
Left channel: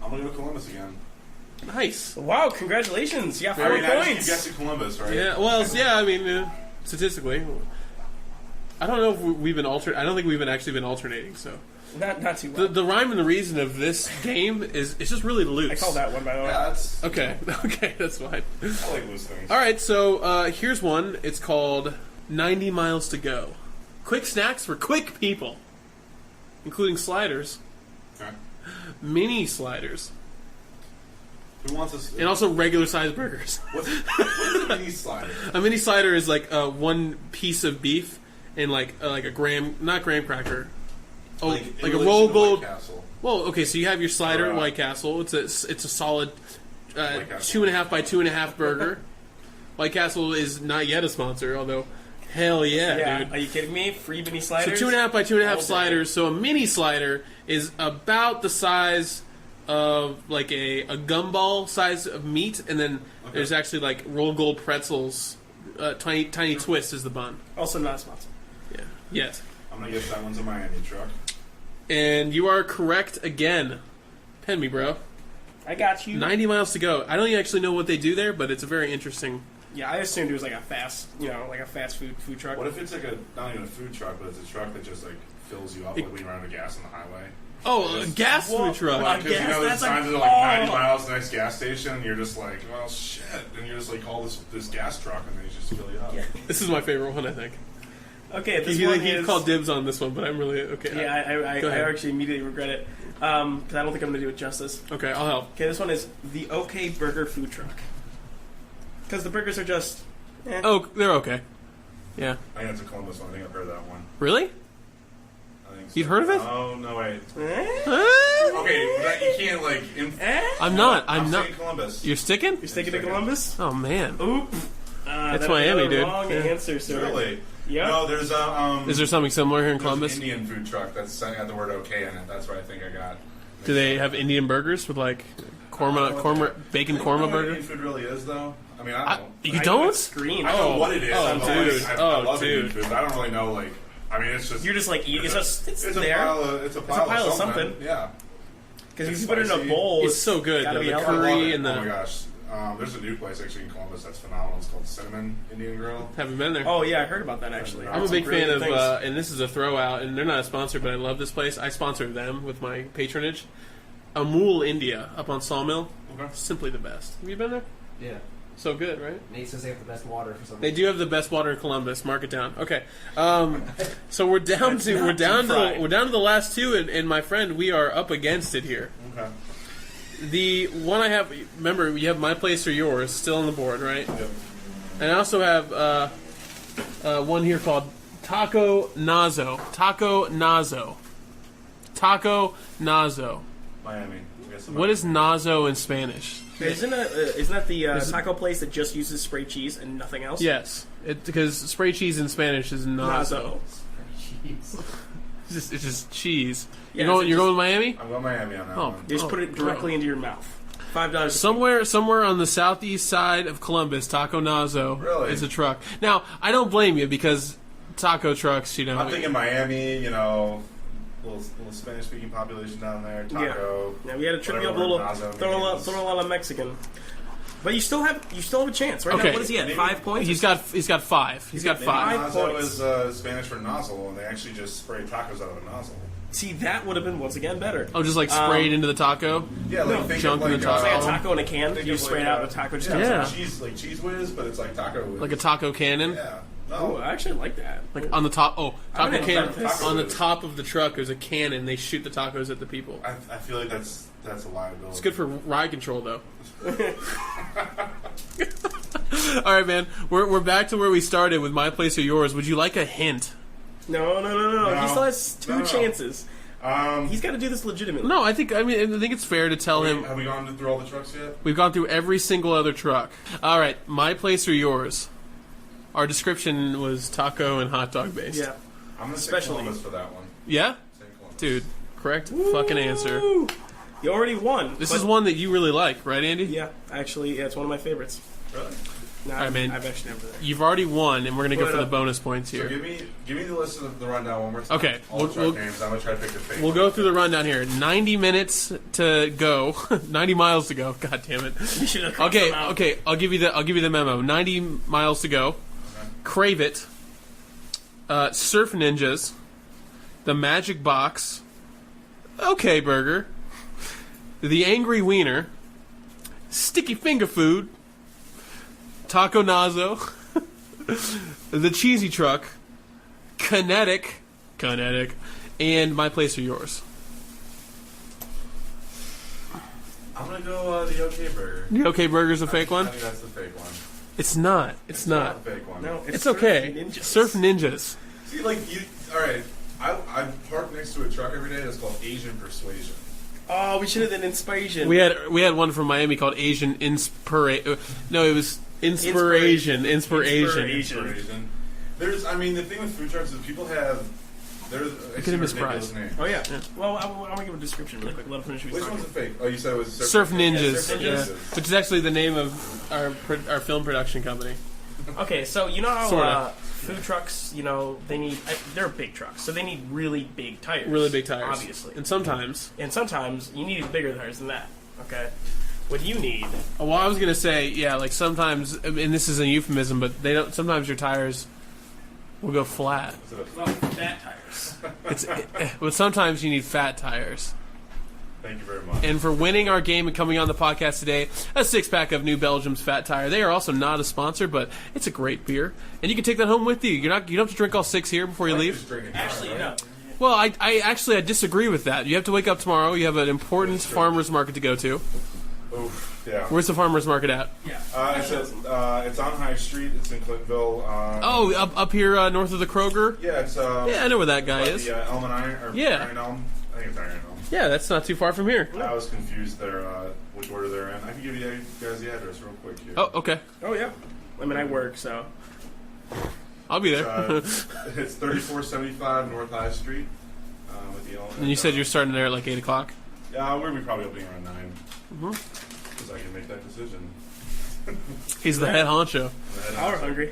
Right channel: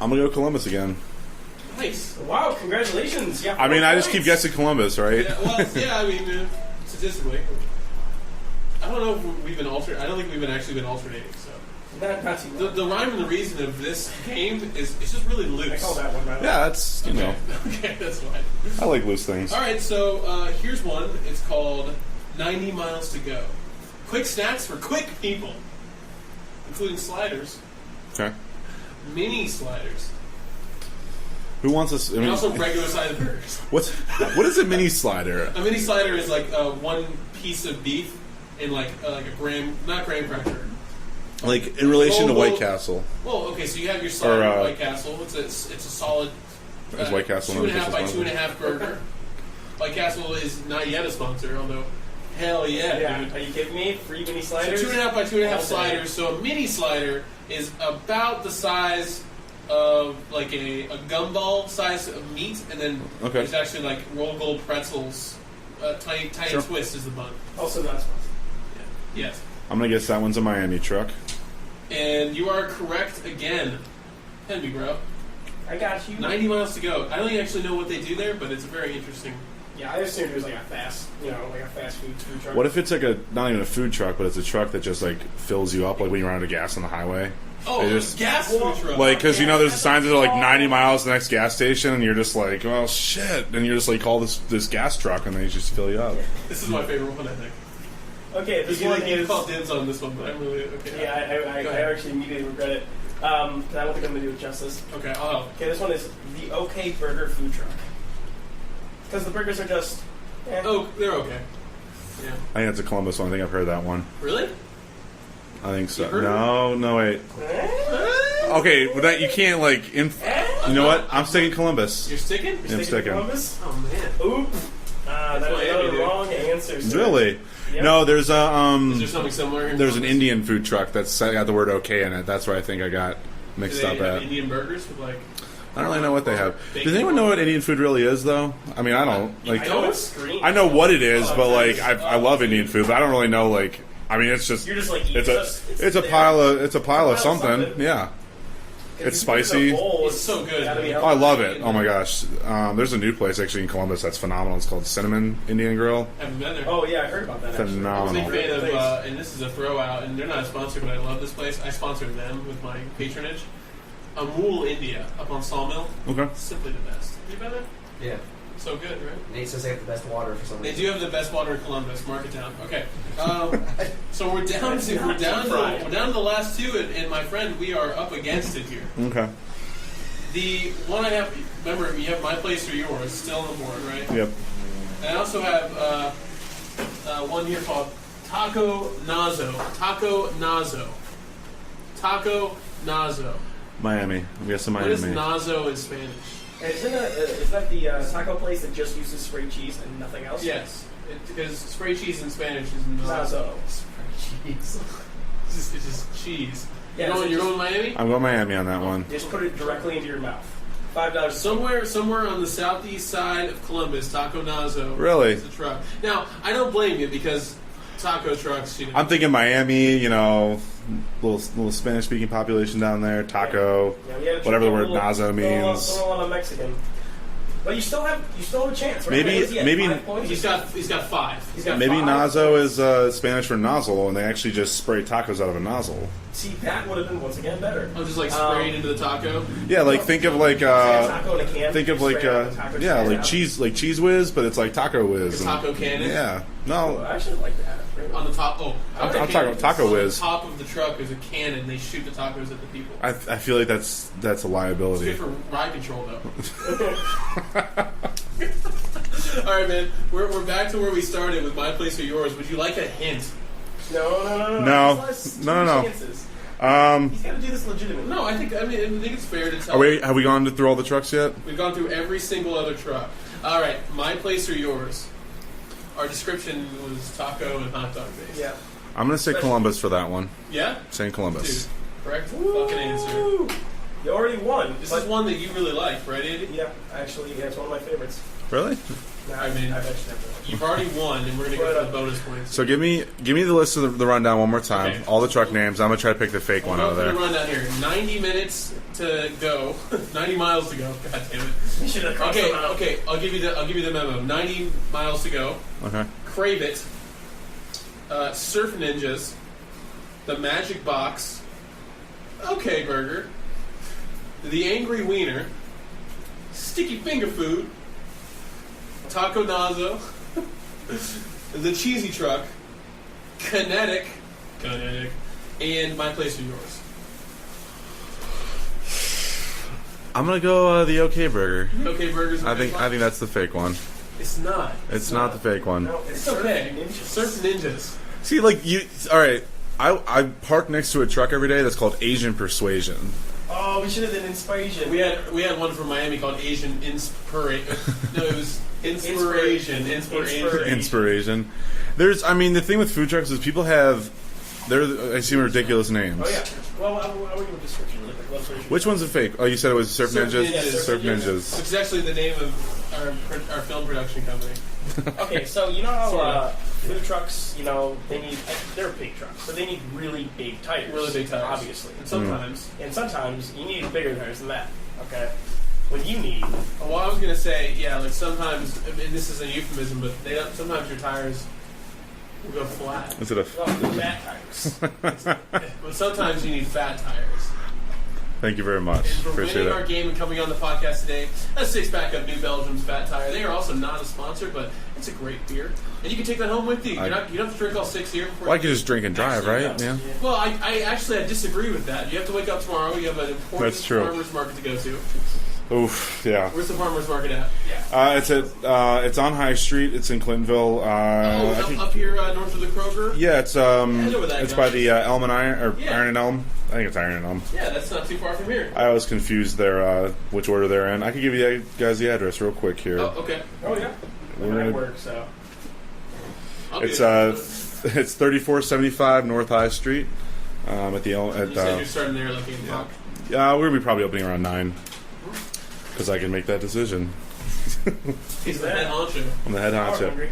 I'm gonna go Columbus again. Nice. Wow, congratulations. You got I 4 mean, I just keep points. guessing Columbus, right? Yeah. Well, yeah. I mean, statistically, I don't know if we've been I don't think we've actually been alternating. So Not too well. the rhyme and the reason of this game is it's just really loose. I call that one, by the way. Yeah, that's Okay. Okay, that's fine. I like loose things. All right. So here's one. It's called 90 Miles to Go. Quick snacks for quick people, including sliders, Okay. mini sliders, Who wants this? and also regular sized burgers. what is a mini slider? A mini slider is like one piece of beef in like a graham, not graham cracker. Like in relation to low- White Castle. Well, okay, so you have your slider Or, White Castle. It's a solid Is White Castle 2.5 by 2.5 burger. White Castle is not yet a sponsor, although hell yeah, dude. Are you kidding me? Free mini So sliders? 2.5 by All 2.5 day. sliders. So a mini slider is about the size of like a gumball size of meat, and then Okay. there's actually like roll gold pretzels, tiny Sure. twist is the bun. Also not sponsored. Yeah. Yes. I'm gonna guess that one's a Miami truck. And you are correct again. Pen me, bro. I got you. 90 miles to go. I don't even actually know what they do there, but it's a very interesting. Yeah, I assumed it was like a fast food truck. What if it's like not even a food truck, but it's a truck that just like fills you up, like when you're out of gas on the highway? Oh, They a just- gas food truck. Like, because you know, there's that's signs a that are like 90 call. miles to the next gas station, and you're just like, oh shit, and you're just like, call this gas truck, and they just fill you up. This is my favorite one, I think. Okay, this one You is... call dibs on this one, but I'm really okay. Yeah, I Go ahead. actually immediately regret it. 'Cause I don't think I'm going to do it justice. Okay, I'll help. Okay, this one is the OK Burger Food Truck. Because the burgers are just... Oh, they're okay. Yeah. I think that's a Columbus one. I think I've heard that one. Really? I think so. You heard of it? No, wait. Eh? Okay, but that you can't like. I'm you know not. what? I'm not- saying Columbus. You're sticking? You're I'm sticking to sticking. Columbus? Oh man. Oop. That's that Miami, was a dude. wrong Yeah. answer, sir. Really? Yep. No, there's a Is there something similar here in there's Columbus? an Indian food truck that's got the word "okay" in it. That's where I think I got Do mixed they up. have at. Indian burgers with like? I don't really know what they have. Does anyone know what Indian food really is, though? I mean, I don't. You Like, don't? It's green. I know what it is, Oh, but dude. like I love dude. Indian food, but I don't really know. Like, I mean, it's just You're just like eating. it's a pile of something. Yeah. It's spicy. It's so good. Gotta be The Oh, I love curry it. and Oh the- my gosh. There's a new place actually in Columbus that's phenomenal. It's called Cinnamon Indian Grill. Haven't been there. Oh yeah, I heard about that actually. Phenomenal. I'm a big Really fan of, good things. and this is a throw out, and they're not a sponsor, but I love this place. I sponsored them with my patronage. Amul India up on Sawmill. Okay. Simply the best. Have you been there? Yeah. So good, right? Nate says they have the best water for some They reason. do have the best water in Columbus. Mark it down. Okay. So we're down to the last two, and my friend, we are up against it here. Okay. The one I have, remember, you have my place or yours still on the board, right? Yep. And I also have one here called Taco Nazo. Taco Nazo. Taco Nazo. Miami. I'm guessing What Miami. is Nazo in Spanish? Isn't that the taco place that just uses spray cheese and nothing else? Yes, because spray cheese in Spanish is Nazo. Jeez. It's just cheese. Yeah, You're so going, you're just- going Miami? I'm going Miami on that Oh. one. You just put it directly into your mouth. $5. Somewhere on the southeast side of Columbus, Taco Nazo Really? is a truck. Now, I don't blame you because taco trucks, you know. I'm thinking Miami, you know, little Spanish speaking population down there, taco, Yeah, we had a whatever the word Nazo means. Throw a lot of Mexican. But you still have a chance, right? Okay, What is he at? maybe- 5 points. He's got five. He's got Maybe five. Nazo points. is Spanish for nozzle, and they actually just spray tacos out of a nozzle. See, that would have been once again better. I'm just like sprayed into the taco. Yeah, like No, think jump of like in the Say a taco in a can. think you of like spray out the taco cheese. yeah, Yeah. like cheese whiz, but it's like taco whiz. Like a taco cannon. Yeah, Oh, no, I actually like that. Like on the top. Oh, I'm taco talking cannon. taco on the whiz. top of the truck is a cannon. They shoot the tacos at the people. I feel like that's a It's liability. good for ride control, though. All right, man. We're back to where we started with my place or yours. Would you like a hint? No. No. He still has two No. chances. He's got to do this legitimately. No, I think it's fair to tell him. Have we gone through all the trucks yet? We've gone through every single other truck. All right, my place or yours. Our description was taco and hot dog based. Yeah. I'm gonna say Especially- Columbus for that one. Yeah, Saying Columbus. dude. Correct fucking answer. Woo! You already won. This but- is one that you really like, right, Andy? Yeah, actually, it's one of my favorites. Really? No, I mean, I've actually never. You've already won, and we're gonna go Put for it the up. bonus points. So Here. give me the list of the rundown one more time. Okay. All the truck We'll- names. I'm gonna try to pick the fake We'll one. go out of through the there. rundown here. 90 minutes to go. 90 miles to go. God damn it. You should have crossed them out. Okay. I'll give you the memo. 90 miles to go. Okay. Crave It. Surf Ninjas. The Magic Box. Okay Burger. The Angry Wiener. Sticky Finger Food. Taco Nazo. The Cheesy Truck. Kinetic, and My Place or Yours. I'm gonna go the OK Burger. Okay Burger's a fake one? I think that's the fake one. It's not. It's not the fake one. No, It's Surf okay. Ninjas. Surf Ninjas. See, like you. All right. I park next to a truck every day that's called Asian Persuasion. Oh, we should have done Inspiration. We had one from Miami called Asian Inspiration. No, it was Inspiration. Inspiration. There's, I mean, the thing with food trucks is people have, I see Famous ridiculous names. Oh yeah. Well, I'll give a description. Like, let us finish Which one's a fake? Oh, you said it was Surf Ninjas. Surf Yeah. Ninjas. Which is actually the name of our film production company. Okay, so you know how Sorta. food trucks, they're big trucks, so they need really big tires. Really big tires. obviously. And sometimes, And sometimes you need bigger tires than that. Okay, what you need? well, I was gonna say, yeah, like sometimes, and this is a euphemism, but they don't. Sometimes your tires will go flat. Is it a? Well, fat tires. But sometimes you need fat tires. Thank you very much. And for Appreciate winning it. our game and coming on the podcast today, a 6-pack of New Belgium's Fat Tire. They are also not a sponsor, but it's a great beer, and you can take that home with you. You don't have to drink all 6 here before I you like to leave. just drink and drive, Actually, right? no. Yeah. Well, I disagree with that. You have to wake up tomorrow. You have an important That's true. farmers market to go to. Oof. Yeah. Where's the farmers market at? Yeah. It's on High Street. It's in Clintonville. Up here north of the Kroger. Yeah, it's I know where that it's guy by is. the Elm and Iron or Yeah. Iron and Elm. I think it's Iron and Elm. Yeah, that's not too far from here. I always confuse their which order they're in. I can give you guys the address real quick here. Oh, okay. Oh yeah. I mean, I work, so I'll be It's there. it's 3475 North High Street. At the and you said you're starting there at like 8 o'clock. we're gonna be probably opening around 9. Because I can make that decision. He's the head honcho. I'm the head I'm honcho. hungry.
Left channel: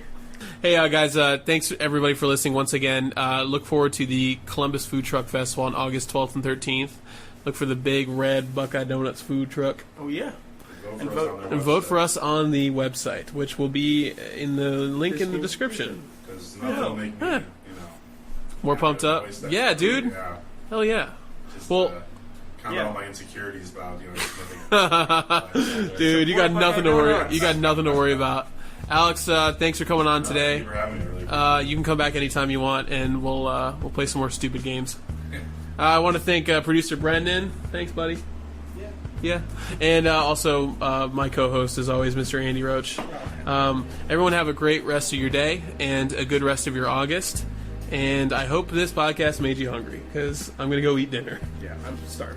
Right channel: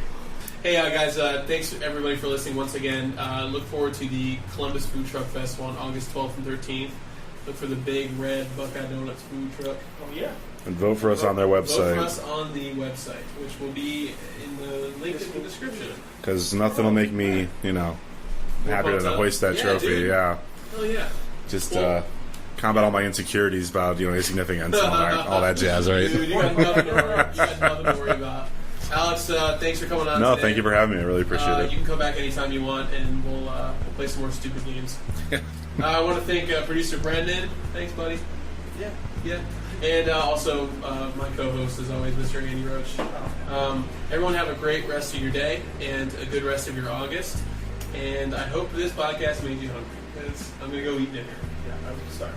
Hey, guys, thanks everybody for listening once again. Look forward to the Columbus Food Truck Festival on August 12th and 13th. Look for the big red Buckeye Donuts food truck. Oh yeah. And vote for us on their And website. vote for us on the website, which will be in the link in the description. Because nothing will make me, More happy pumped to up. hoist that Yeah, trophy. dude. Yeah. Hell yeah. Just Well, combat all my insecurities about, insignificance, all that jazz, right? Dude, you got nothing to worry. You got nothing to worry about. Alex, thanks for coming on No, today. thank you for having me. I really appreciate it. You can come back anytime you want, and we'll play some more stupid games. I want to thank producer Brendan. Thanks, buddy. Yeah. And also my co-host, as always, Mr. Andy Roach. Everyone have a great rest of your day and a good rest of your August. And I hope this podcast made you hungry, because I'm going to go eat dinner. Yeah, I'm starving.